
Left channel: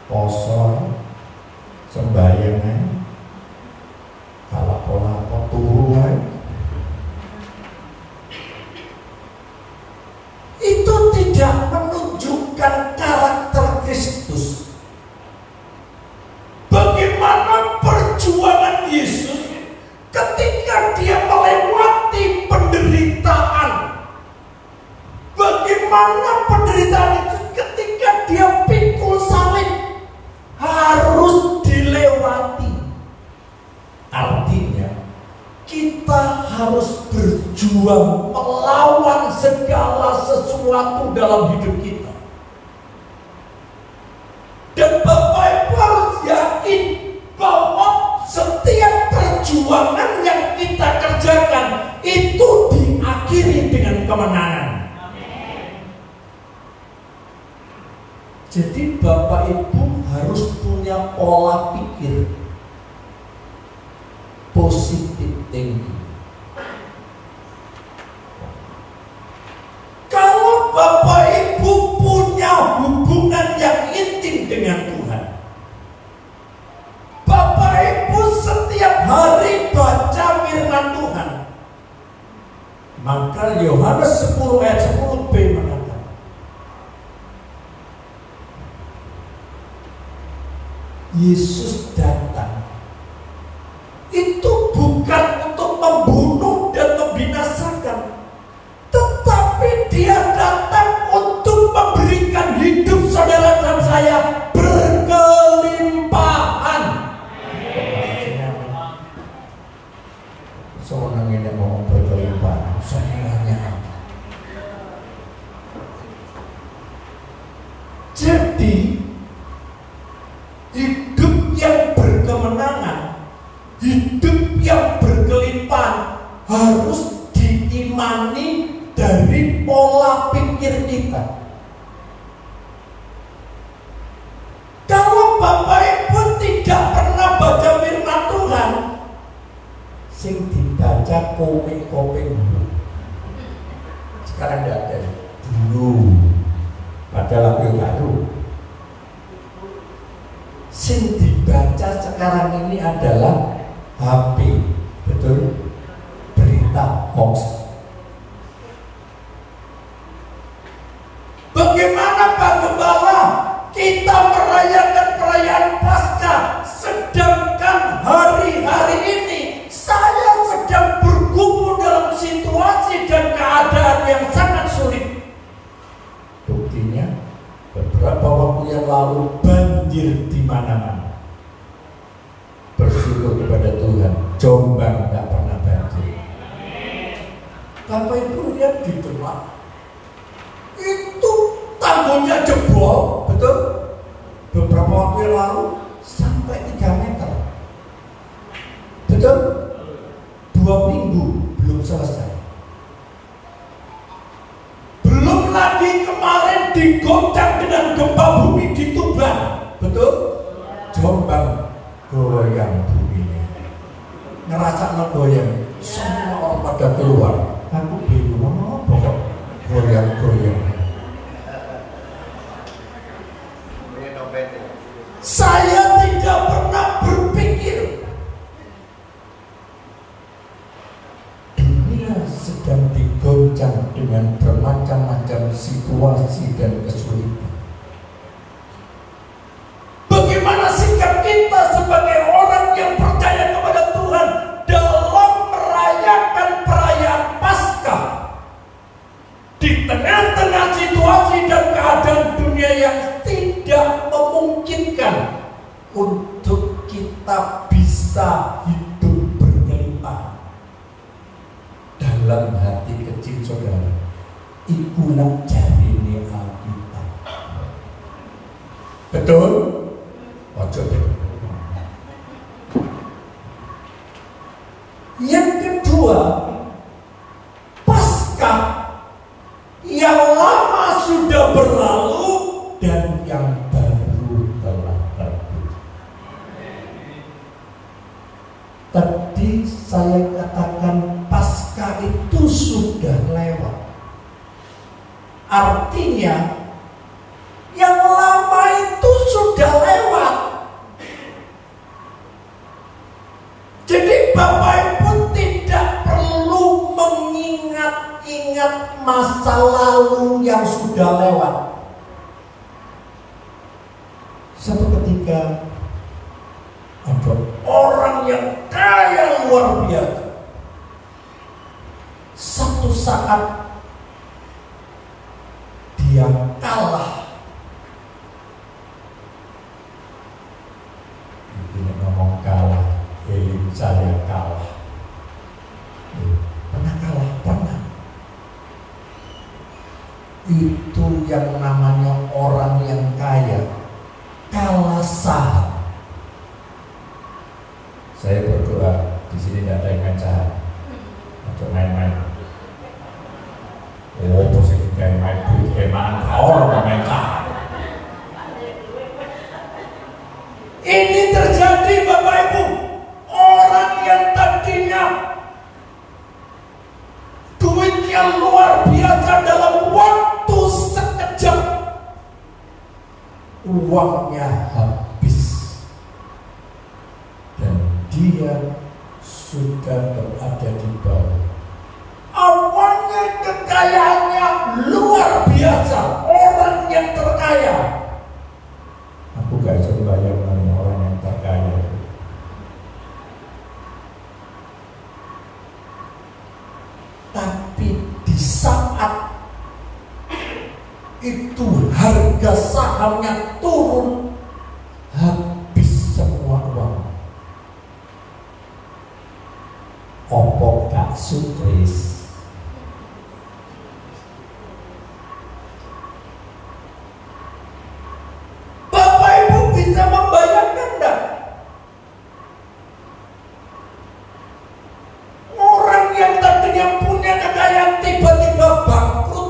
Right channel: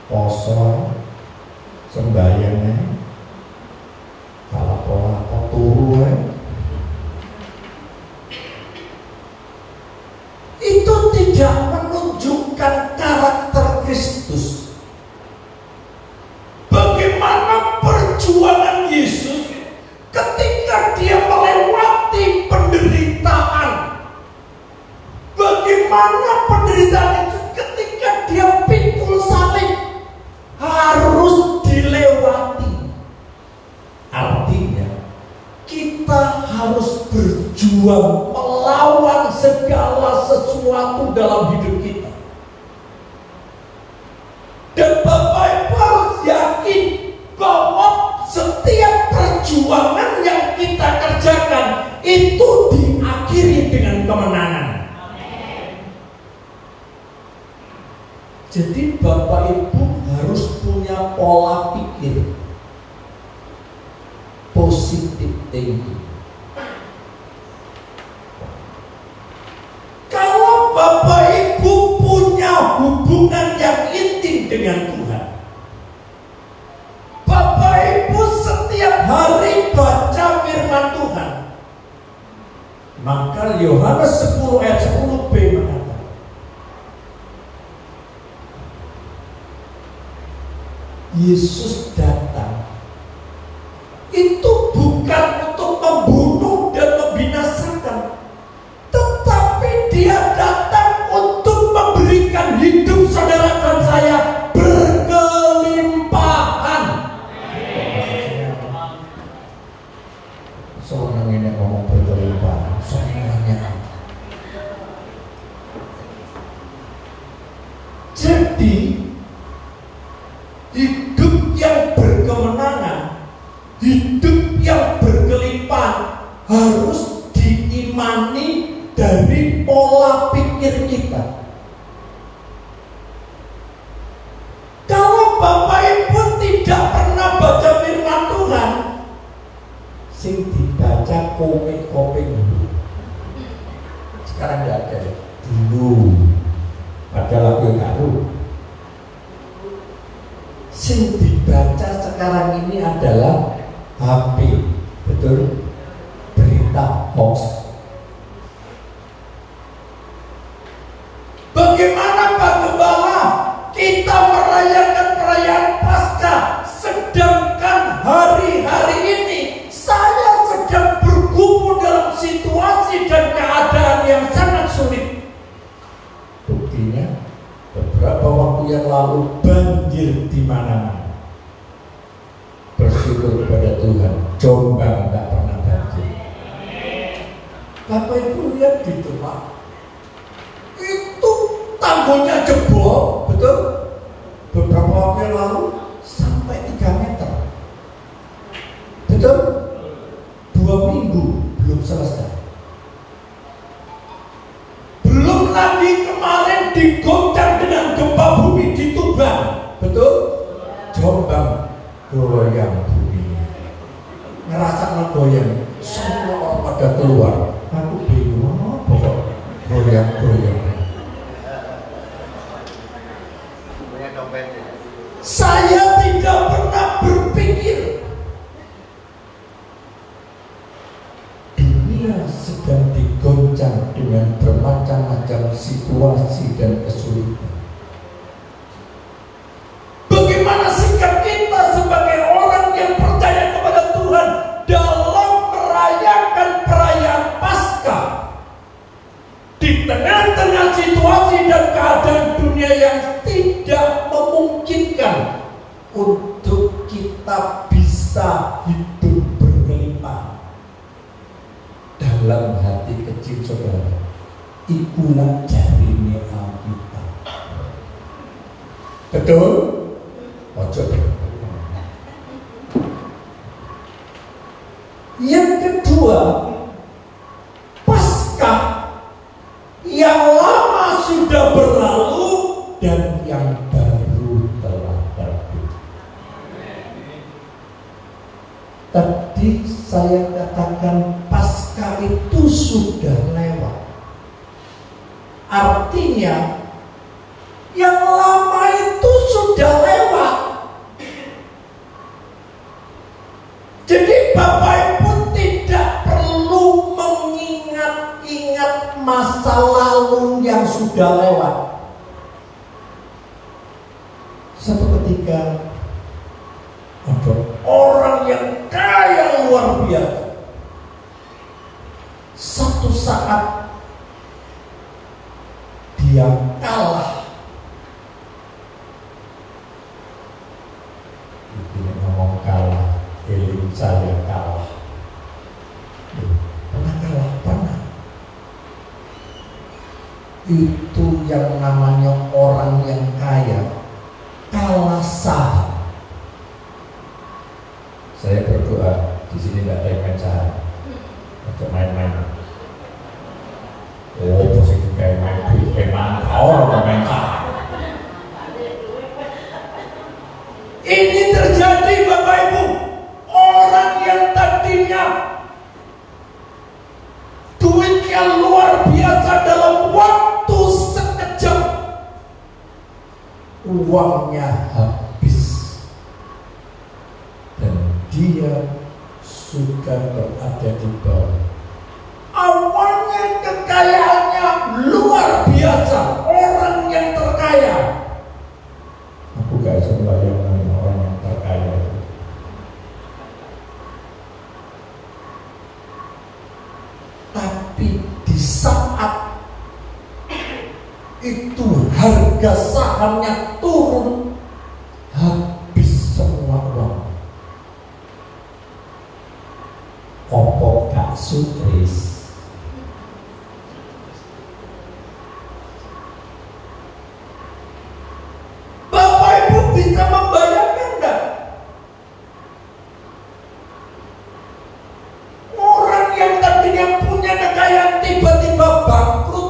poso sembayangnya kalau pola turuan itu tidak menunjukkan karakter Kristus. Bagaimana perjuangan Yesus ketika dia melewati penderitaan. Bagaimana penderitaan itu ketika dia pikul salib harus dilewati. Artinya kita harus berjuang melawan segala sesuatu dalam hidup kita. Dan Bapak Ibu harus yakin bahwa setiap perjuangan yang kita kerjakan itu diakhiri dengan kemenangan. Jadi Bapak Ibu harus punya pola pikir positif thinking. Kalau Bapak Ibu punya hubungan yang intim dengan Tuhan, Bapak Ibu setiap hari baca firman Tuhan, maka Yohanes 10 ayat 10b mengatakan, Yesus datang itu bukan untuk membunuh dan membinasakan, tetapi dia datang untuk memberikan hidup saudara dan saya berkelimpahan. Seorang ini ngomong berkelimpahan, semuanya. Jadi hidup yang berkemenangan, hidup yang berkelimpahan harus diimani dari pola pikir kita. Kalau Bapak Ibu tidak pernah baca firman Tuhan, sing dibaca komik-komik dulu. Sekarang tidak ada. Dulu padahal aku tahu. Sing dibaca sekarang ini adalah HP, betul? Berita hoax. Bagaimana Pak Gembala kita merayakan perayaan Paskah, sedangkan hari-hari ini saya sedang bergumul dalam situasi dan keadaan yang sangat sulit. waktu yang lalu banjir di mana-mana. Bersyukur kepada Tuhan, Jombang nggak pernah banjir. Bapak Ibu lihat di depan, itu tanggulnya jebol, betul? Beberapa waktu yang lalu sampai 3 meter, betul? 2 minggu belum selesai. Belum lagi kemarin digoncang dengan gempa bumi di Tuban, betul? Jombang goyang bumi, ngerasa goyang, semua orang pada keluar. Aku bingung apa kok goyang-goyang. Saya tidak pernah berpikir dunia sedang digoncang dengan bermacam-macam situasi dan kesulitan. Bagaimana sikap kita sebagai orang yang percaya kepada Tuhan dalam merayakan perayaan Paskah di tengah-tengah situasi dan keadaan dunia yang tidak memungkinkan untuk kita bisa hidup berkelimpahan. Dalam hati kecil saudara, ikulah jarine Alkitab. Betul? Ojo. Yang kedua, Paskah yang lama sudah berlalu dan yang baru telah pergi. Tadi saya katakan Paskah itu sudah lewat. Artinya yang lama itu sudah lewat. Jadi Bapak Ibu tidak perlu mengingat-ingat masa lalu yang sudah lewat. Suatu ketika ada orang yang kaya luar biasa. Satu saat dia kalah. Ini ngomong kalah, eling saya kalah. Pernah kalah, pernah. Itu yang namanya orang yang kaya kalah saham. Saya berdoa di sini tidak ada yang main saham, untuk main-main. Oh, posisi kayak main duit, kayak mana orang main saham. Ini terjadi Bapak Ibu, orang yang tadinya duitnya luar biasa dalam waktu sekejap, uangnya habis dan dia sudah berada di bawah. Awalnya kekayaannya luar biasa, orang yang terkaya. Aku gak bisa bayangkan orang yang terkaya. Tapi di saat itu harga sahamnya turun, habis semua uang. Opo gak sukses. Bapak Ibu bisa membayangkan enggak? Orang yang tadinya punya kekayaan tiba-tiba bangkrut.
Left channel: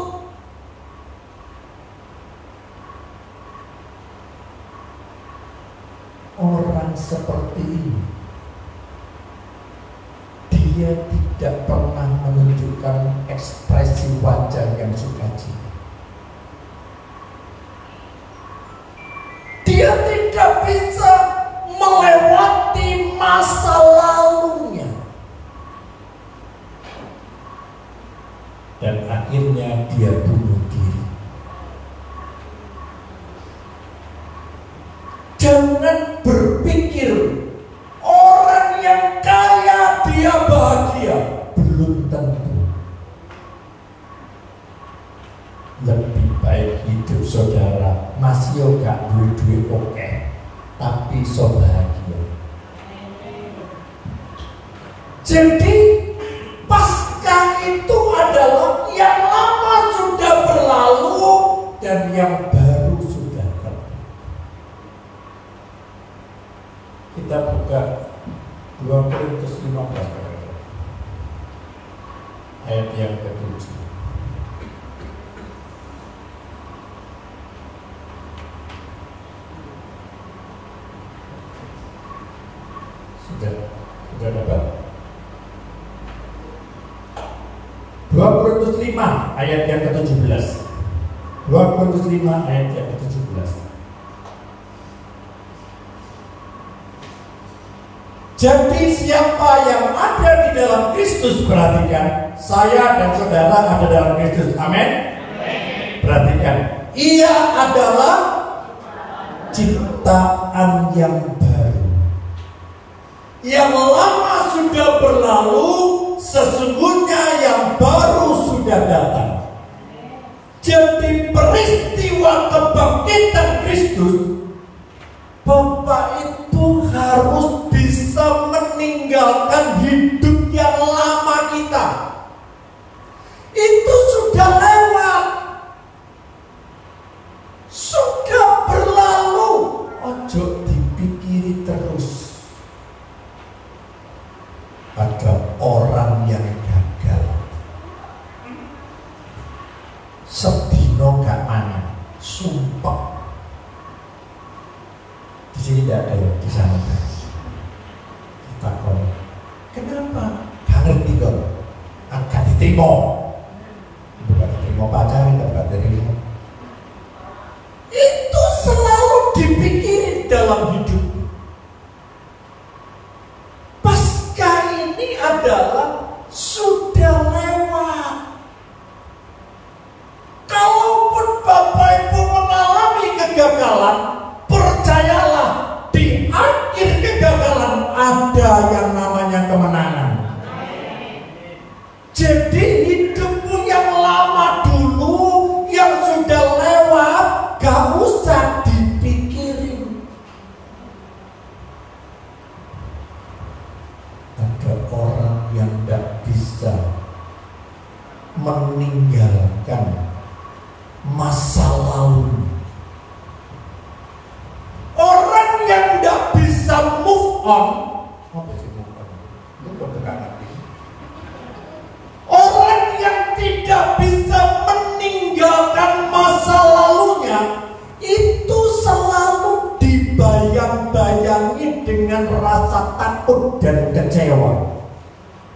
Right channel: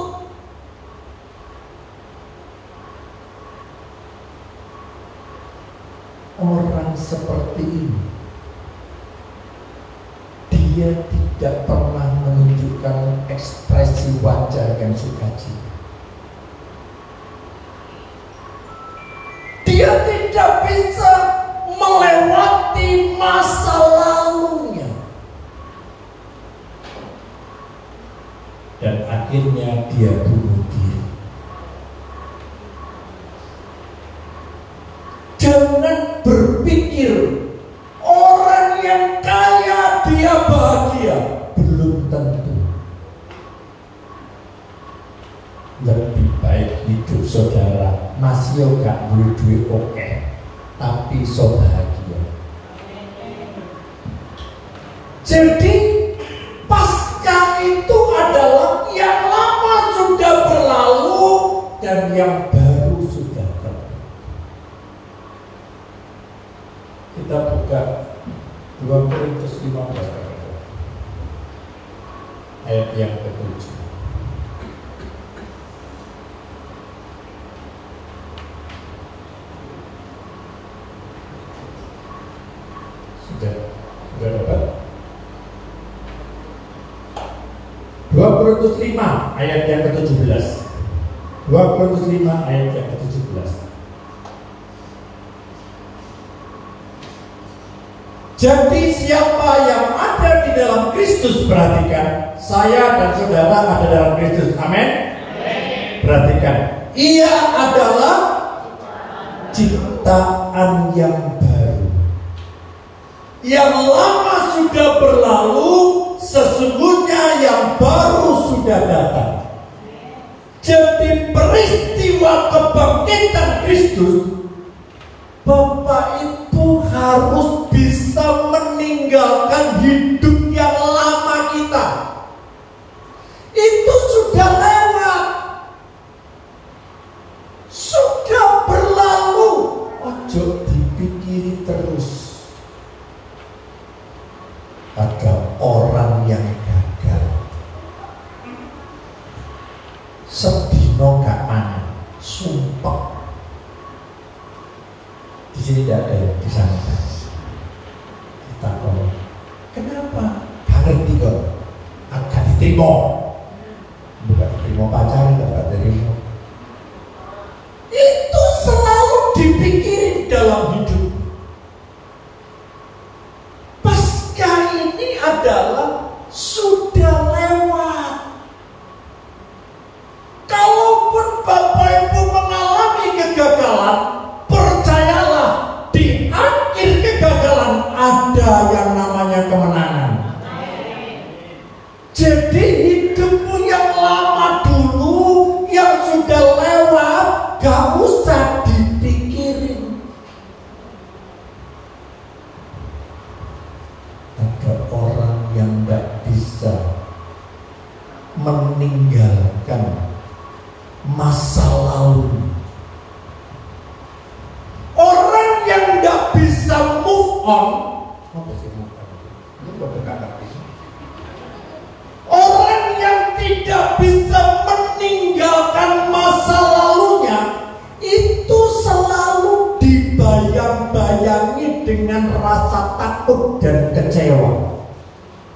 Orang seperti ini, dia tidak pernah menunjukkan ekspresi wajah yang sukacita. Dia tidak bisa melewati masa lalunya. Dan akhirnya dia bunuh diri. Jangan berpikir orang yang kaya dia bahagia. Belum tentu. Lebih baik hidup saudara masih gak duwe oke, tapi so bahagia. Jadi pasca itu adalah yang lama sudah berlalu dan yang baru sudah datang. Kita buka 2 Korintus 15 ayat yang ke-7. Sudah dapat? 2 Korintus 5 ayat yang ke-17. 2 Korintus 5 ayat yang ke-17. Jadi siapa yang ada di dalam Kristus, perhatikan, saya dan saudara ada dalam Kristus. Amin. Perhatikan, ia adalah ciptaan yang baru. Yang lama sudah berlalu, sesungguhnya yang baru sudah datang. Jadi peristiwa kebangkitan Kristus, Bapak Ibu harus bisa meninggalkan hidup yang lama kita. Itu sudah lewat, sudah berlalu. Ojo dipikiri terus. Ada orang yang gagal, sedino gak mana, sumpah. Di sini tidak ada yang di sana. Kita kenapa? Gak ngerti kok. Akan diterima, bukan diterima pacaran, bukan diterima. Itu selalu dipikirin dalam hidup. Adalah sudah lewat. Kalaupun Bapak Ibu mengalami kegagalan, percayalah di akhir kegagalan ada yang namanya kemenangan. Jadi hidupmu yang lama dulu, yang sudah lewat, gak usah dipikirin. Ada orang yang tidak bisa meninggalkan masa lalu. Orang yang tidak bisa move on. Apa sih move on? Ini kata-kata ini. Orang yang tidak bisa meninggalkan masa lalunya, itu selalu dibayang-bayangi dengan rasa takut dan kecewa.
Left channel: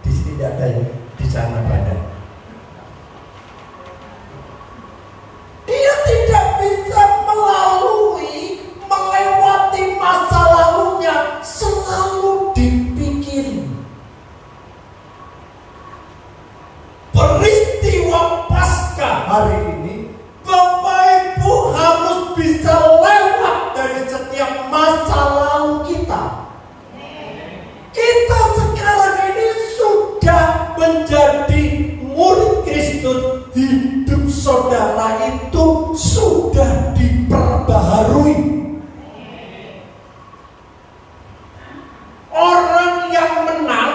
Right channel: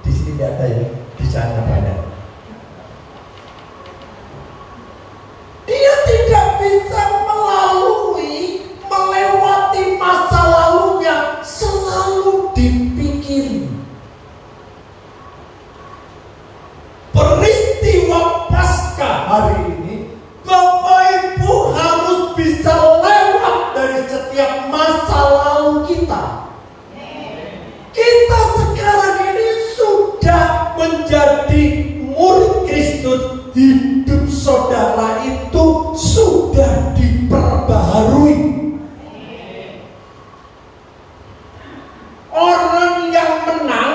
Di sini tidak ada yang di sana banyak. Dia tidak bisa melewati masa lalunya, selalu dipikirin. Peristiwa pasca hari ini, Bapak Ibu harus bisa lewat dari setiap masa lalu kita. Kita sekarang ini sudah menjadi murid Kristus. Hidup saudara itu sudah diperbaharui. Orang yang menang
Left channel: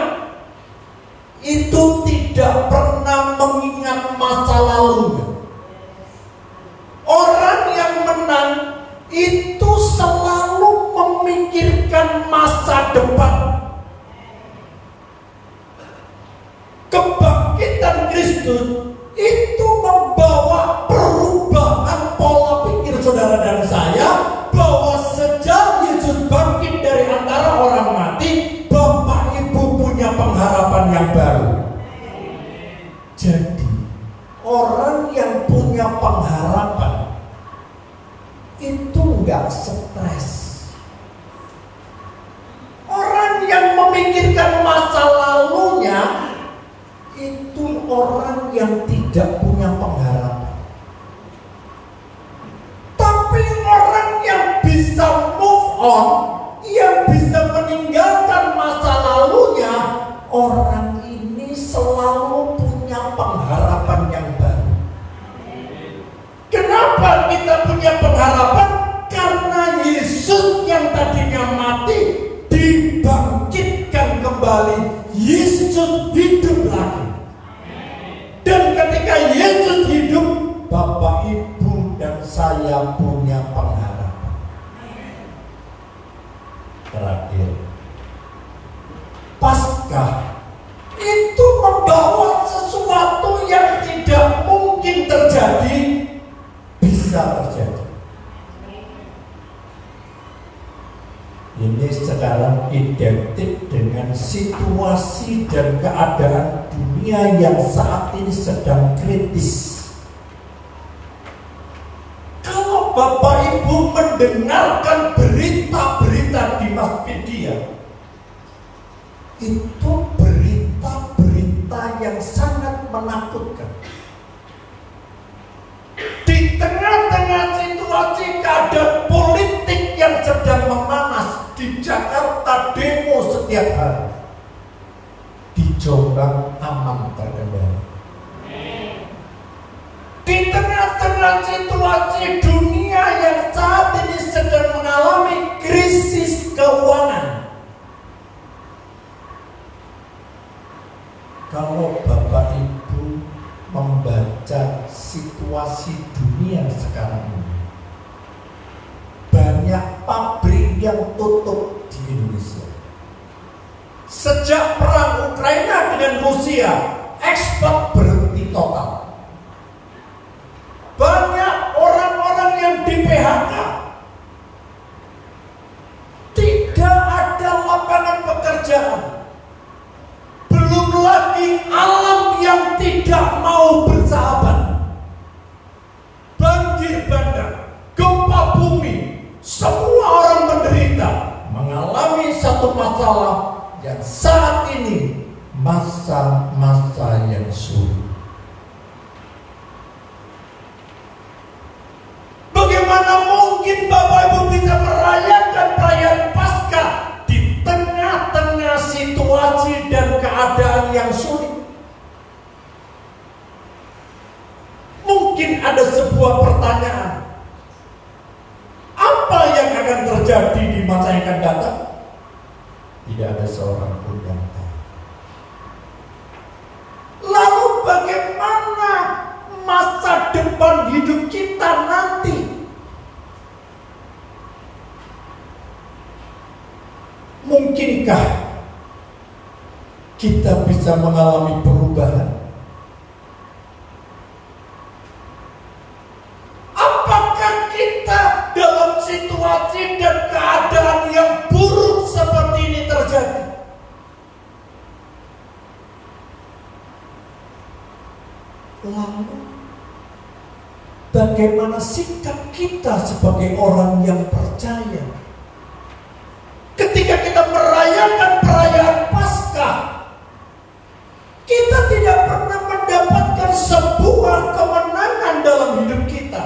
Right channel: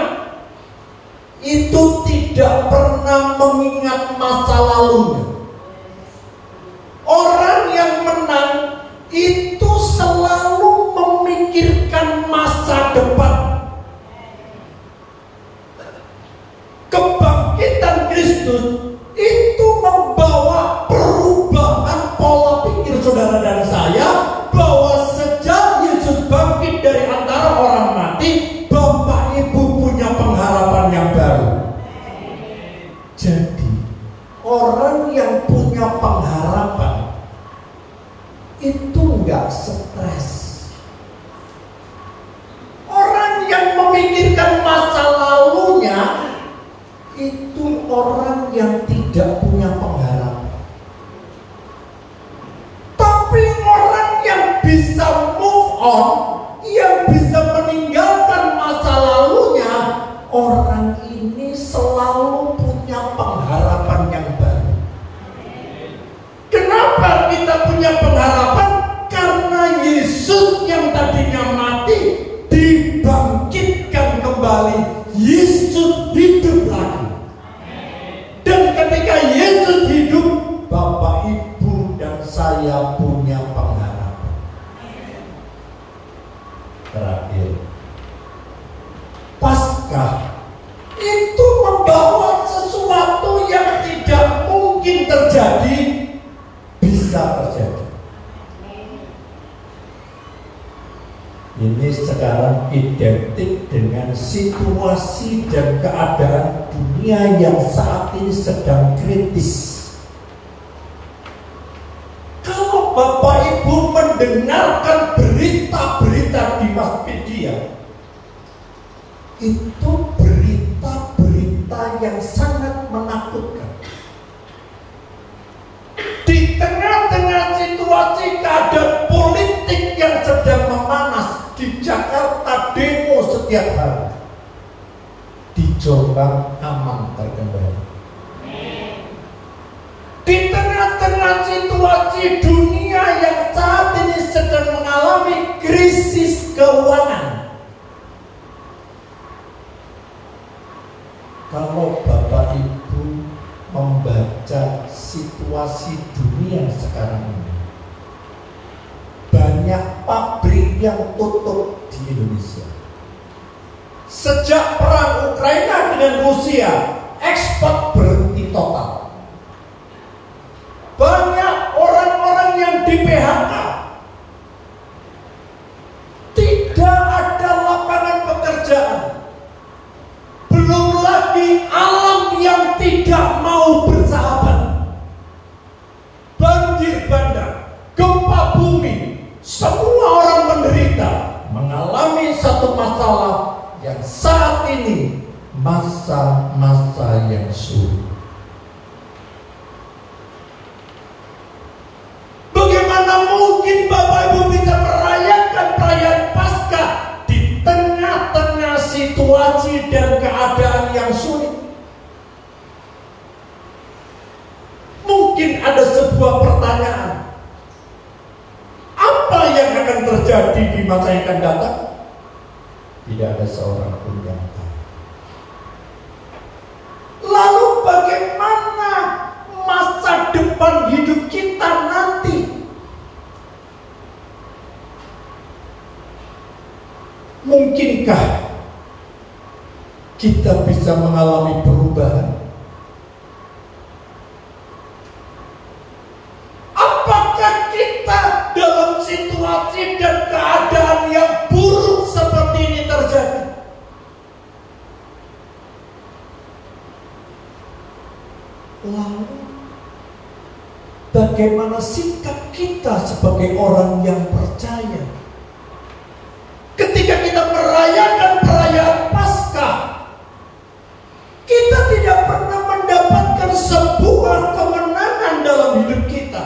itu tidak pernah mengingat masa lalunya. Orang yang menang itu selalu memikirkan masa depan. Kebangkitan Kristus itu membawa perubahan pola pikir saudara dan saya, bahwa sejak Yesus bangkit dari antara orang mati, Bapak Ibu punya pengharapan yang baru. Jadi orang yang punya pengharapan itu enggak stres. Orang yang memikirkan masa lalunya itu orang yang tidak punya pengharapan. Tapi orang yang bisa move on, yang bisa meninggalkan masa lalunya, orang ini selalu punya pengharapan yang baru. Kenapa Yesus hidup lagi. Dan ketika Yesus hidup, Bapak, Ibu, dan saya punya pengharapan. Terakhir, Paskah itu membawa sesuatu yang tidak mungkin terjadi bisa terjadi. Ini sekarang identik dengan situasi dan keadaan dunia yang saat ini sedang kritis. Kalau Bapak Ibu mendengarkan berita-berita di mass media, itu berita-berita yang sangat menakutkan. Di tengah-tengah situasi keadaan politik yang sedang memanas, di Jakarta demo setiap hari, di Jombang aman terkendali. Di tengah-tengah situasi dunia yang saat ini sedang mengalami krisis keuangan, kalau Bapak Ibu membaca situasi dunia sekarang ini, banyak pabrik yang tutup di Indonesia. Sejak perang Ukraina dengan Rusia, ekspor berhenti total. Banyak orang-orang yang di PHK. Tidak ada lapangan pekerjaan. Belum lagi alam yang tidak mau bersahabat. Banjir bandang, gempa bumi, semua orang menderita, mengalami satu masalah yang saat ini masa-masa yang sulit. Bagaimana mungkin Bapak Ibu bisa merayakan perayaan Paskah di tengah-tengah situasi dan keadaan yang sulit? Mungkin ada sebuah pertanyaan, apa yang akan terjadi di masa yang akan datang? Tidak ada seorang pun yang tahu. Lalu bagaimana masa depan hidup kita nanti? Mungkinkah kita bisa mengalami perubahan? Apakah kita dalam situasi dan keadaan yang buruk seperti ini terjadi? Lalu bagaimana sikap kita sebagai orang yang percaya? Ketika kita merayakan perayaan Paskah, kita tidak pernah mendapatkan sebuah kemenangan dalam hidup kita.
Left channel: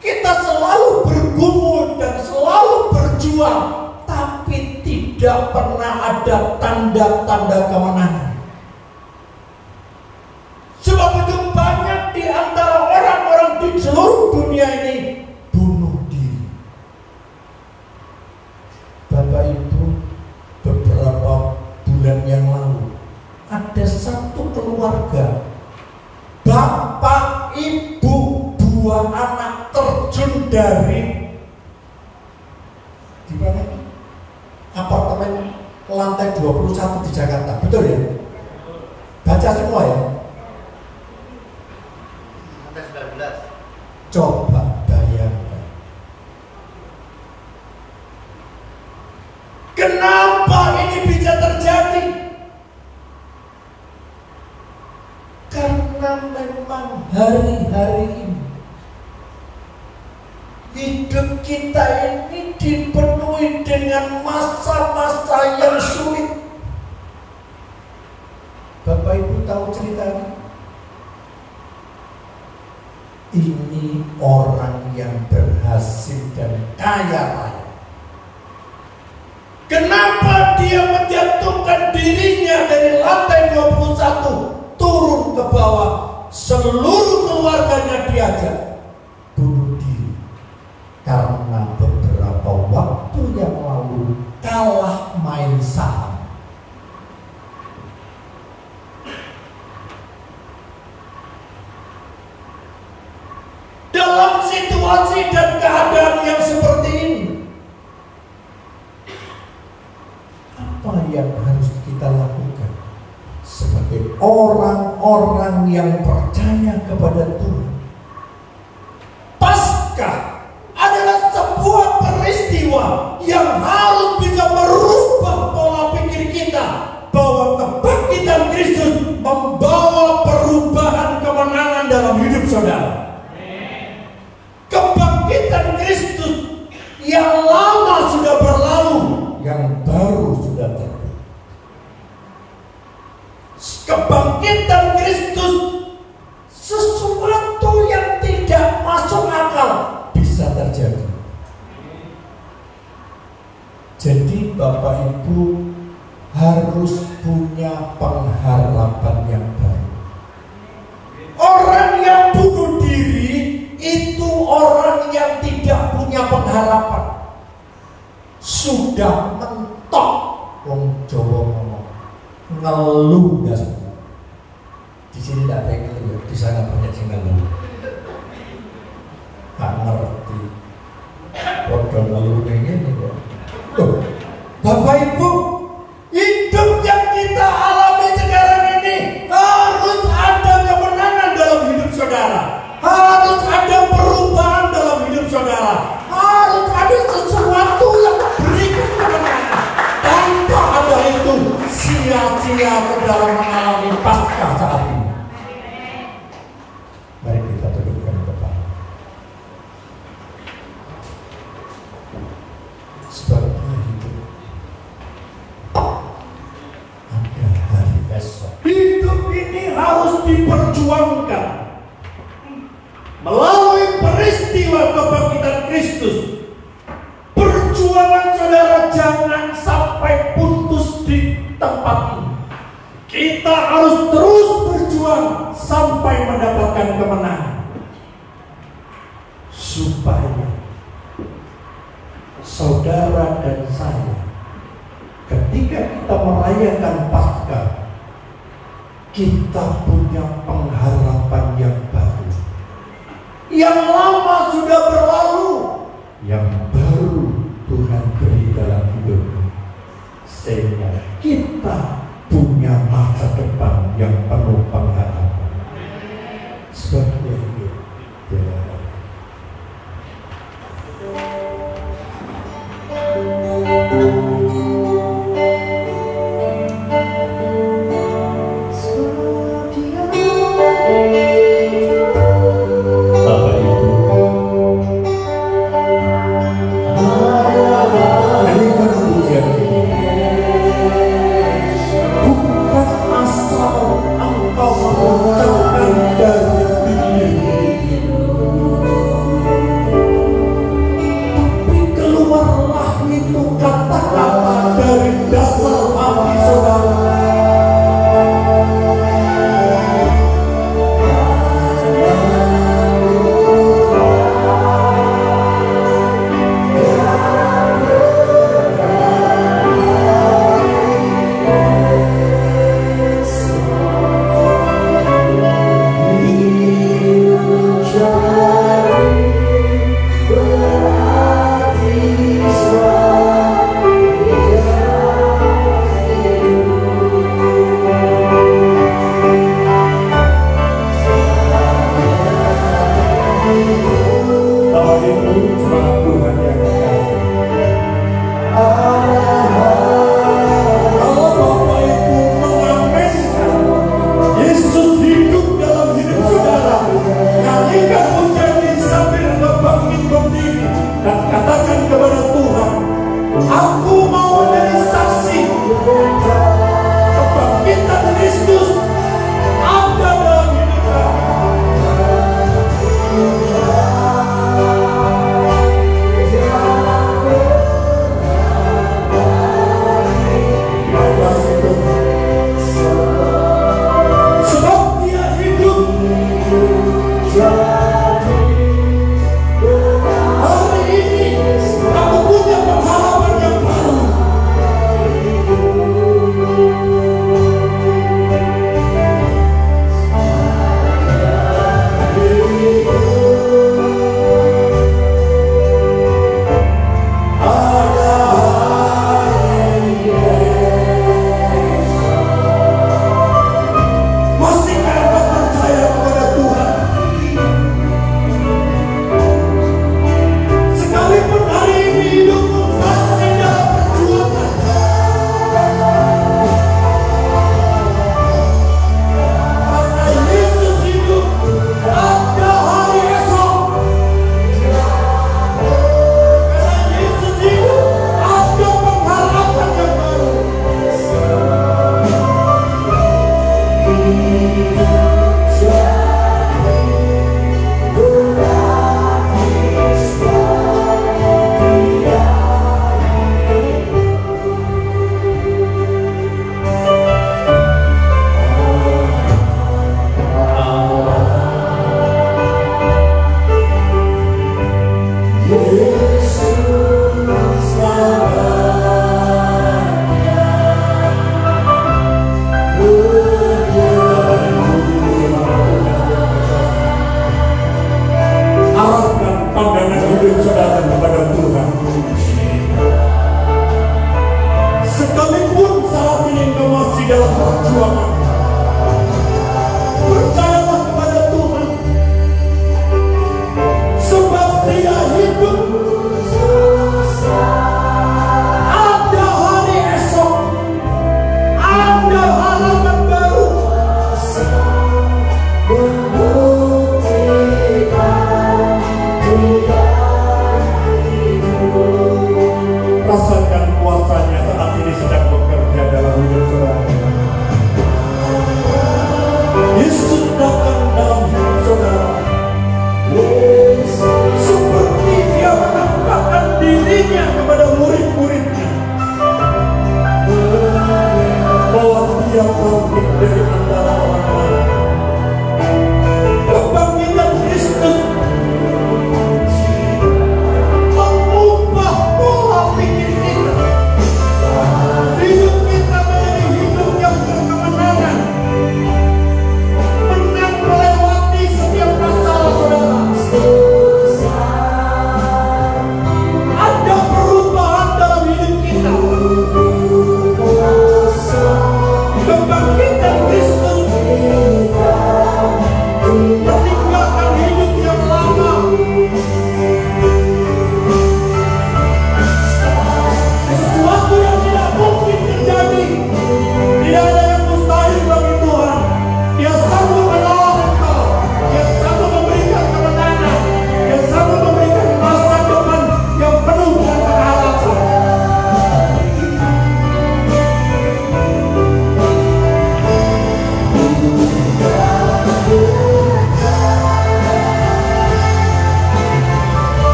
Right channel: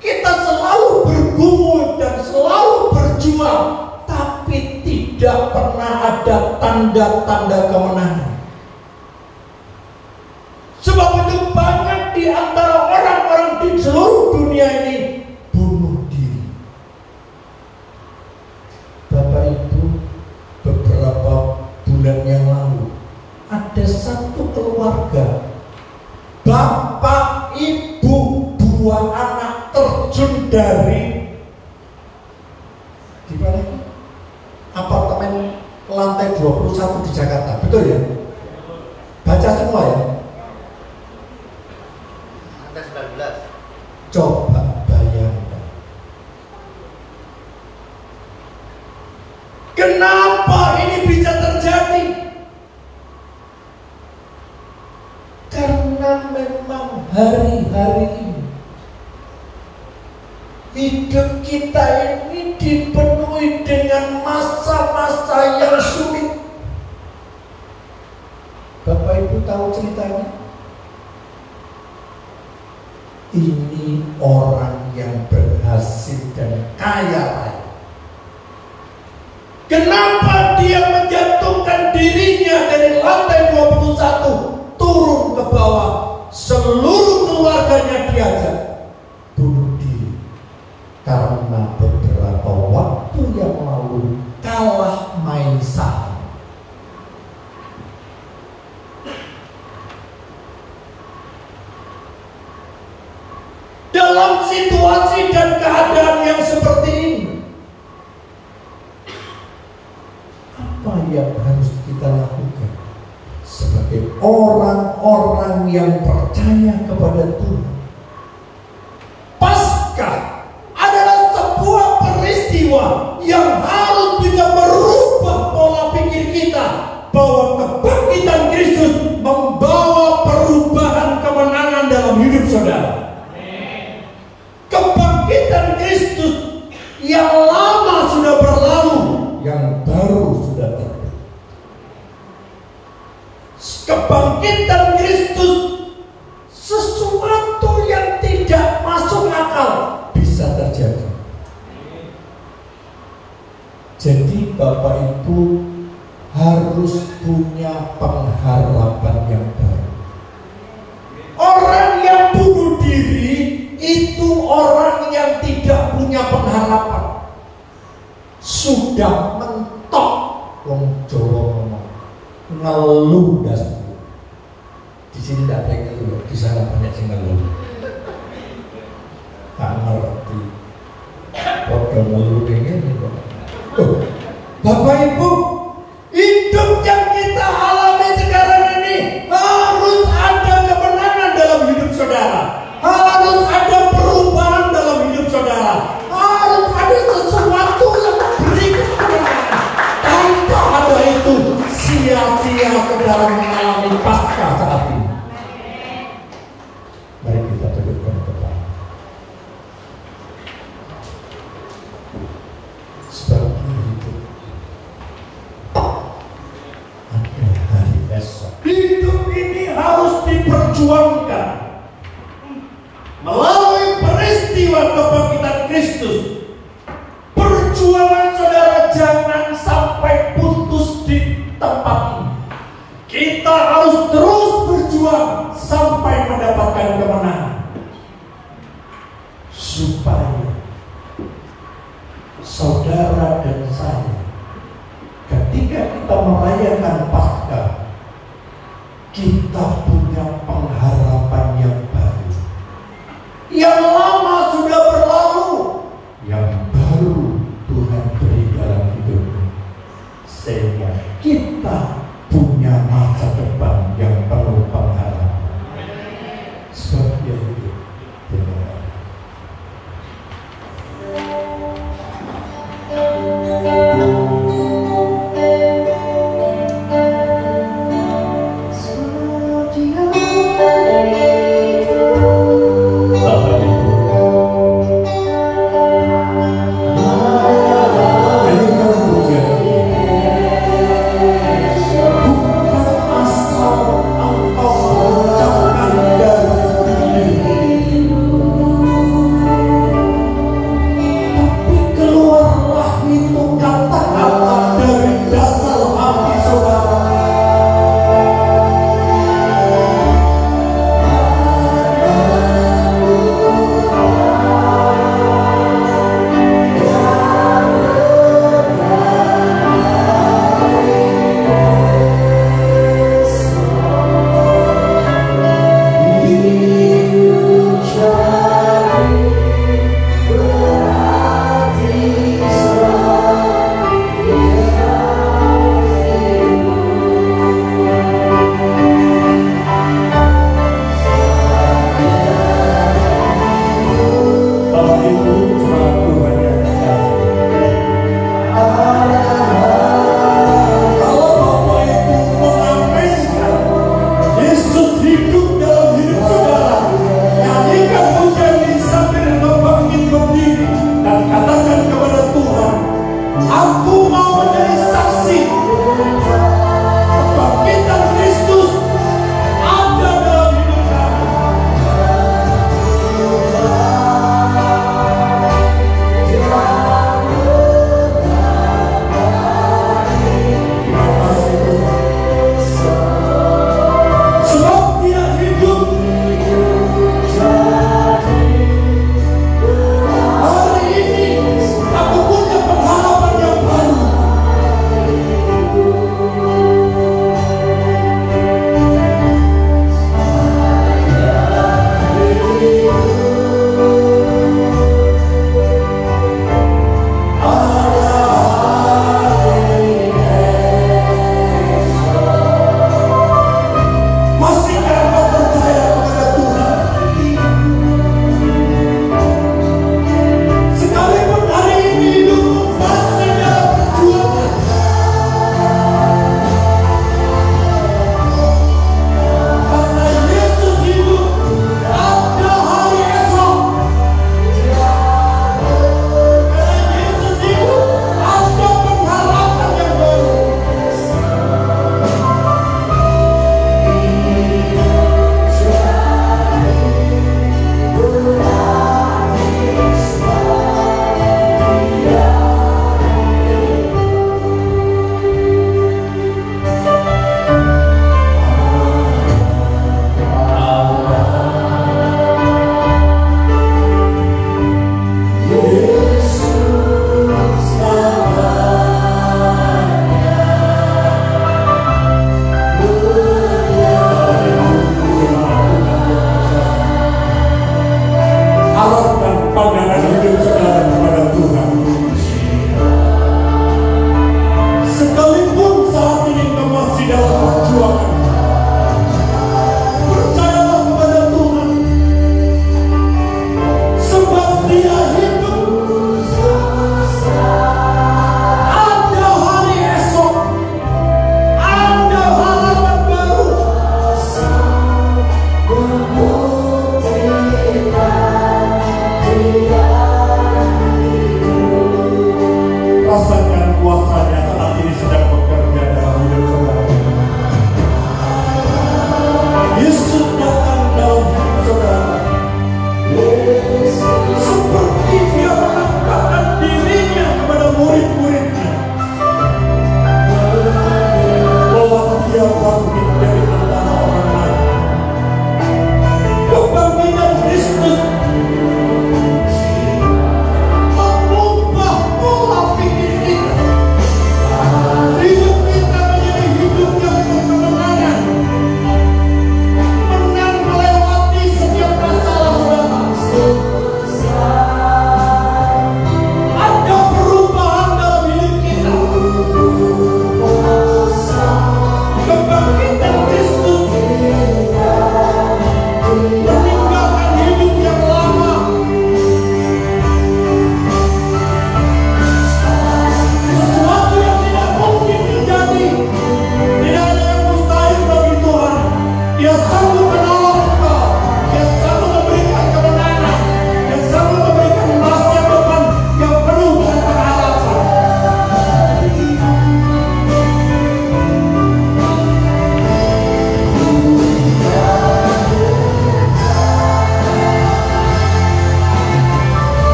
Kita selalu bergumul dan selalu berjuang, tapi tidak pernah ada tanda-tanda kemenangan. Sebab itu banyak di antara orang-orang di seluruh dunia ini bunuh diri. Bapak Ibu, beberapa bulan yang lalu ada satu keluarga, bapak, ibu, dua anak terjun dari di mana? Apartemen lantai 21 di Jakarta, betul ya? Baca semua ya? Coba bayangkan. Kenapa ini bisa terjadi? Karena memang hari-hari ini hidup kita ini dipenuhi dengan masa-masa yang sulit. Bapak Ibu tahu ceritanya? Ini orang yang berhasil dan kaya raya. Kenapa dia menjatuhkan dirinya dari lantai 21 turun ke bawah? Seluruh keluarganya diajak bunuh diri karena beberapa waktu yang lalu kalah main saham. situasi dan keadaan yang seperti ini, apa yang harus kita lakukan sebagai orang-orang yang percaya kepada Tuhan? Paskah adalah sebuah peristiwa yang harus bisa merubah pola pikir kita, bahwa kebangkitan Kristus membawa perubahan kemenangan dalam hidup saudara. Kebangkitan Kristus yang lama sudah berlalu, yang baru sudah terbit. Kebangkitan Kristus sesuatu yang tidak masuk akal bisa terjadi. Jadi Bapak Ibu harus punya pengharapan yang baru. Orang yang bunuh diri itu orang yang tidak punya pengharapan. Sudah mentok. Wong Jawa ngomong ngeluh das. Di sini tidak ada yang ngeluh, di sana banyak yang ngeluh. Tak ngerti. Waduh ngeluh ini kok. Tuh, Bapak Ibu, hidup yang kita alami sekarang ini harus ada kemenangan dalam hidup saudara. Harus ada perubahan dalam hidup saudara. Harus ada sesuatu yang berikan kemenangan. Tanpa ada itu, sia-sia saudara mengalami pasca saat ini. Mari kita tundukkan kepala. Sebabnya hidup ada hari esok. Hidup ini harus diperjuangkan melalui peristiwa kebangkitan Kristus. Perjuangan saudara jangan sampai putus di tempat ini. Kita harus terus berjuang sampai mendapatkan kemenangan, supaya saudara dan saya ketika kita merayakan Paskah, kita punya pengharapan yang baru. Yang lama sudah berlalu, yang baru Tuhan beri dalam hidupnya, sehingga kita punya masa depan yang penuh pengharapan. Seperti itu. Bapak Ibu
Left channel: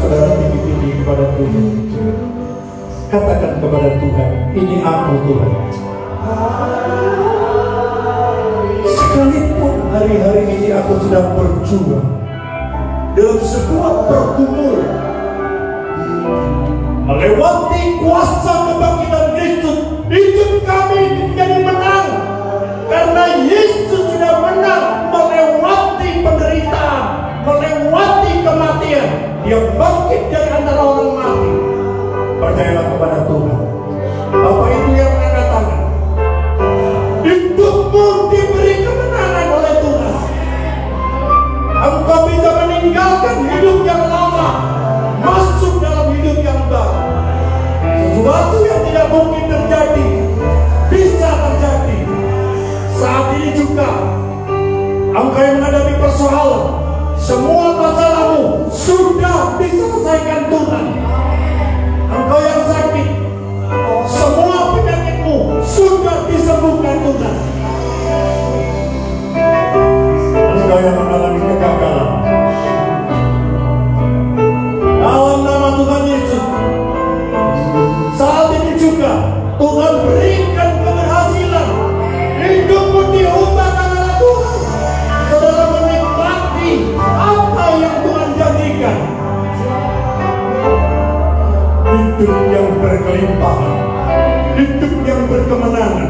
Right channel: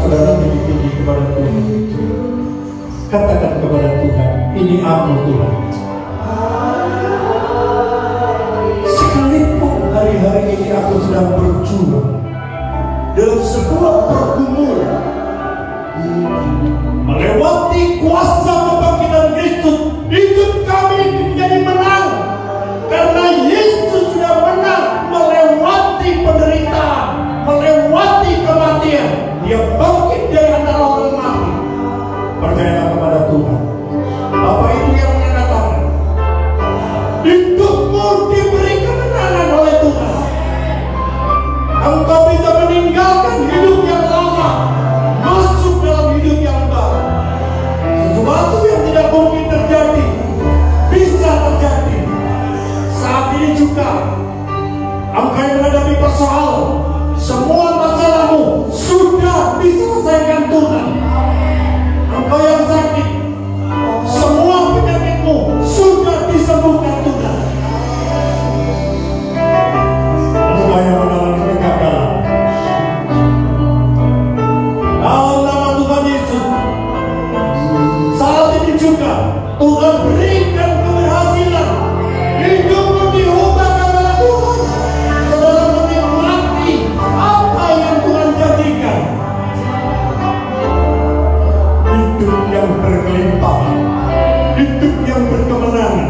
saudara tinggi-tinggi kepada Tuhan. Katakan kepada Tuhan, ini aku Tuhan. Sekalipun hari-hari ini aku sedang berjuang dalam sebuah pergumulan, melewati kuasa kebangkitan Kristus, hidup kami menjadi menang. Karena Yesus sudah menang melewati penderitaan, melewati kematian. Dia bangkit dari antara orang mati. Percayalah kepada Tuhan. Bapak Ibu yang menandatangan, hidupmu diberi kemenangan oleh Tuhan. Engkau bisa meninggalkan hidup yang lama, masuk dalam hidup yang baru. Sesuatu yang tidak mungkin terjadi bisa terjadi. Saat ini juga engkau yang menghadapi persoalan, semua masalahmu sudah diselesaikan Tuhan. Engkau yang sakit, semua penyakitmu sudah disembuhkan Tuhan. Engkau yang mengalami kegagalan, dalam nama Tuhan Yesus, saat ini juga Tuhan berikan keberhasilan. Hidupmu diubahkan oleh Tuhan. Saudara menikmati apa yang Tuhan janjikan. Hidup yang berkelimpahan, hidup yang berkemenangan,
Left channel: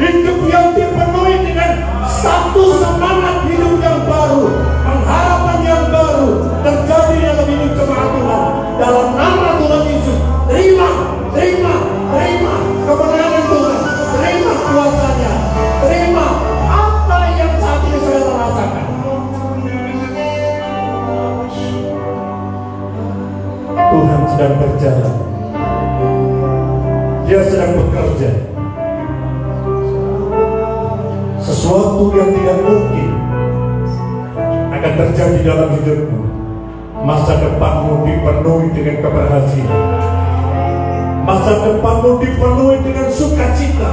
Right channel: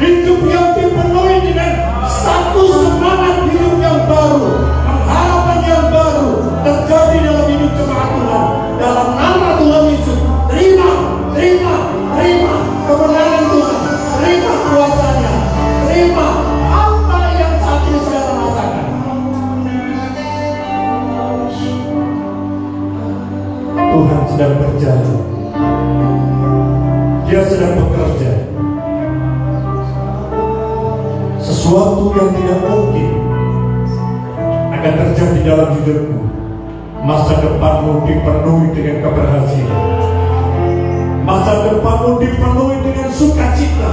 hidup yang dipenuhi dengan satu semangat hidup yang baru, pengharapan yang baru terjadi dalam hidup jemaat Tuhan. Dalam nama Tuhan Yesus, terima kemenangan Tuhan, terima kuasanya, terima apa yang saat ini saudara rasakan. Tuhan sedang berjalan, Dia sedang bekerja. Sesuatu yang tidak mungkin akan terjadi dalam hidupmu. Masa depanmu dipenuhi dengan keberhasilan. Masa depanmu dipenuhi dengan sukacita.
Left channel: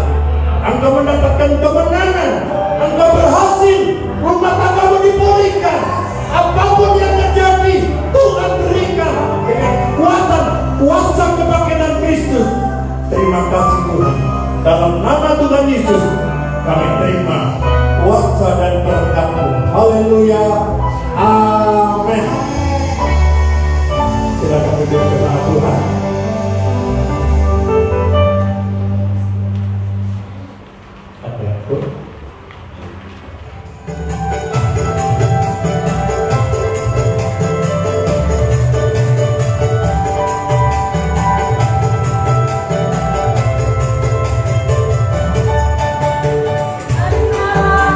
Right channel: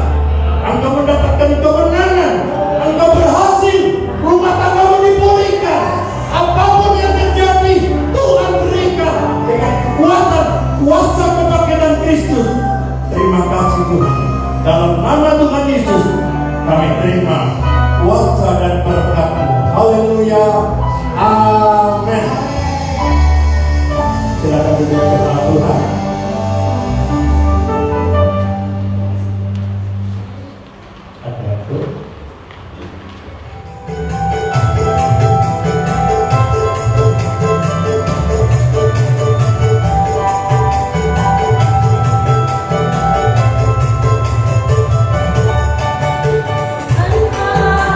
Engkau mendapatkan kemenangan. Engkau berhasil. Rumah tanggamu dipulihkan. Apapun yang terjadi, Tuhan berikan dengan kekuatan, kuasa kebangkitan Kristus. Terima kasih Tuhan. Dalam nama Tuhan Yesus, kami terima kuasa dan berkat-Mu. Haleluya. Amin. Silakan duduk kepada Tuhan. Ada pun. Engkau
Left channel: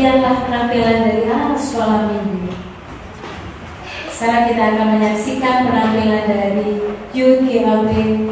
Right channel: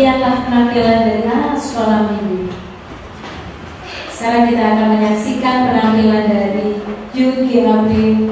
Demikianlah penampilan dari anak sekolah minggu. Sekarang kita akan menyaksikan penampilan dari Yuki Abri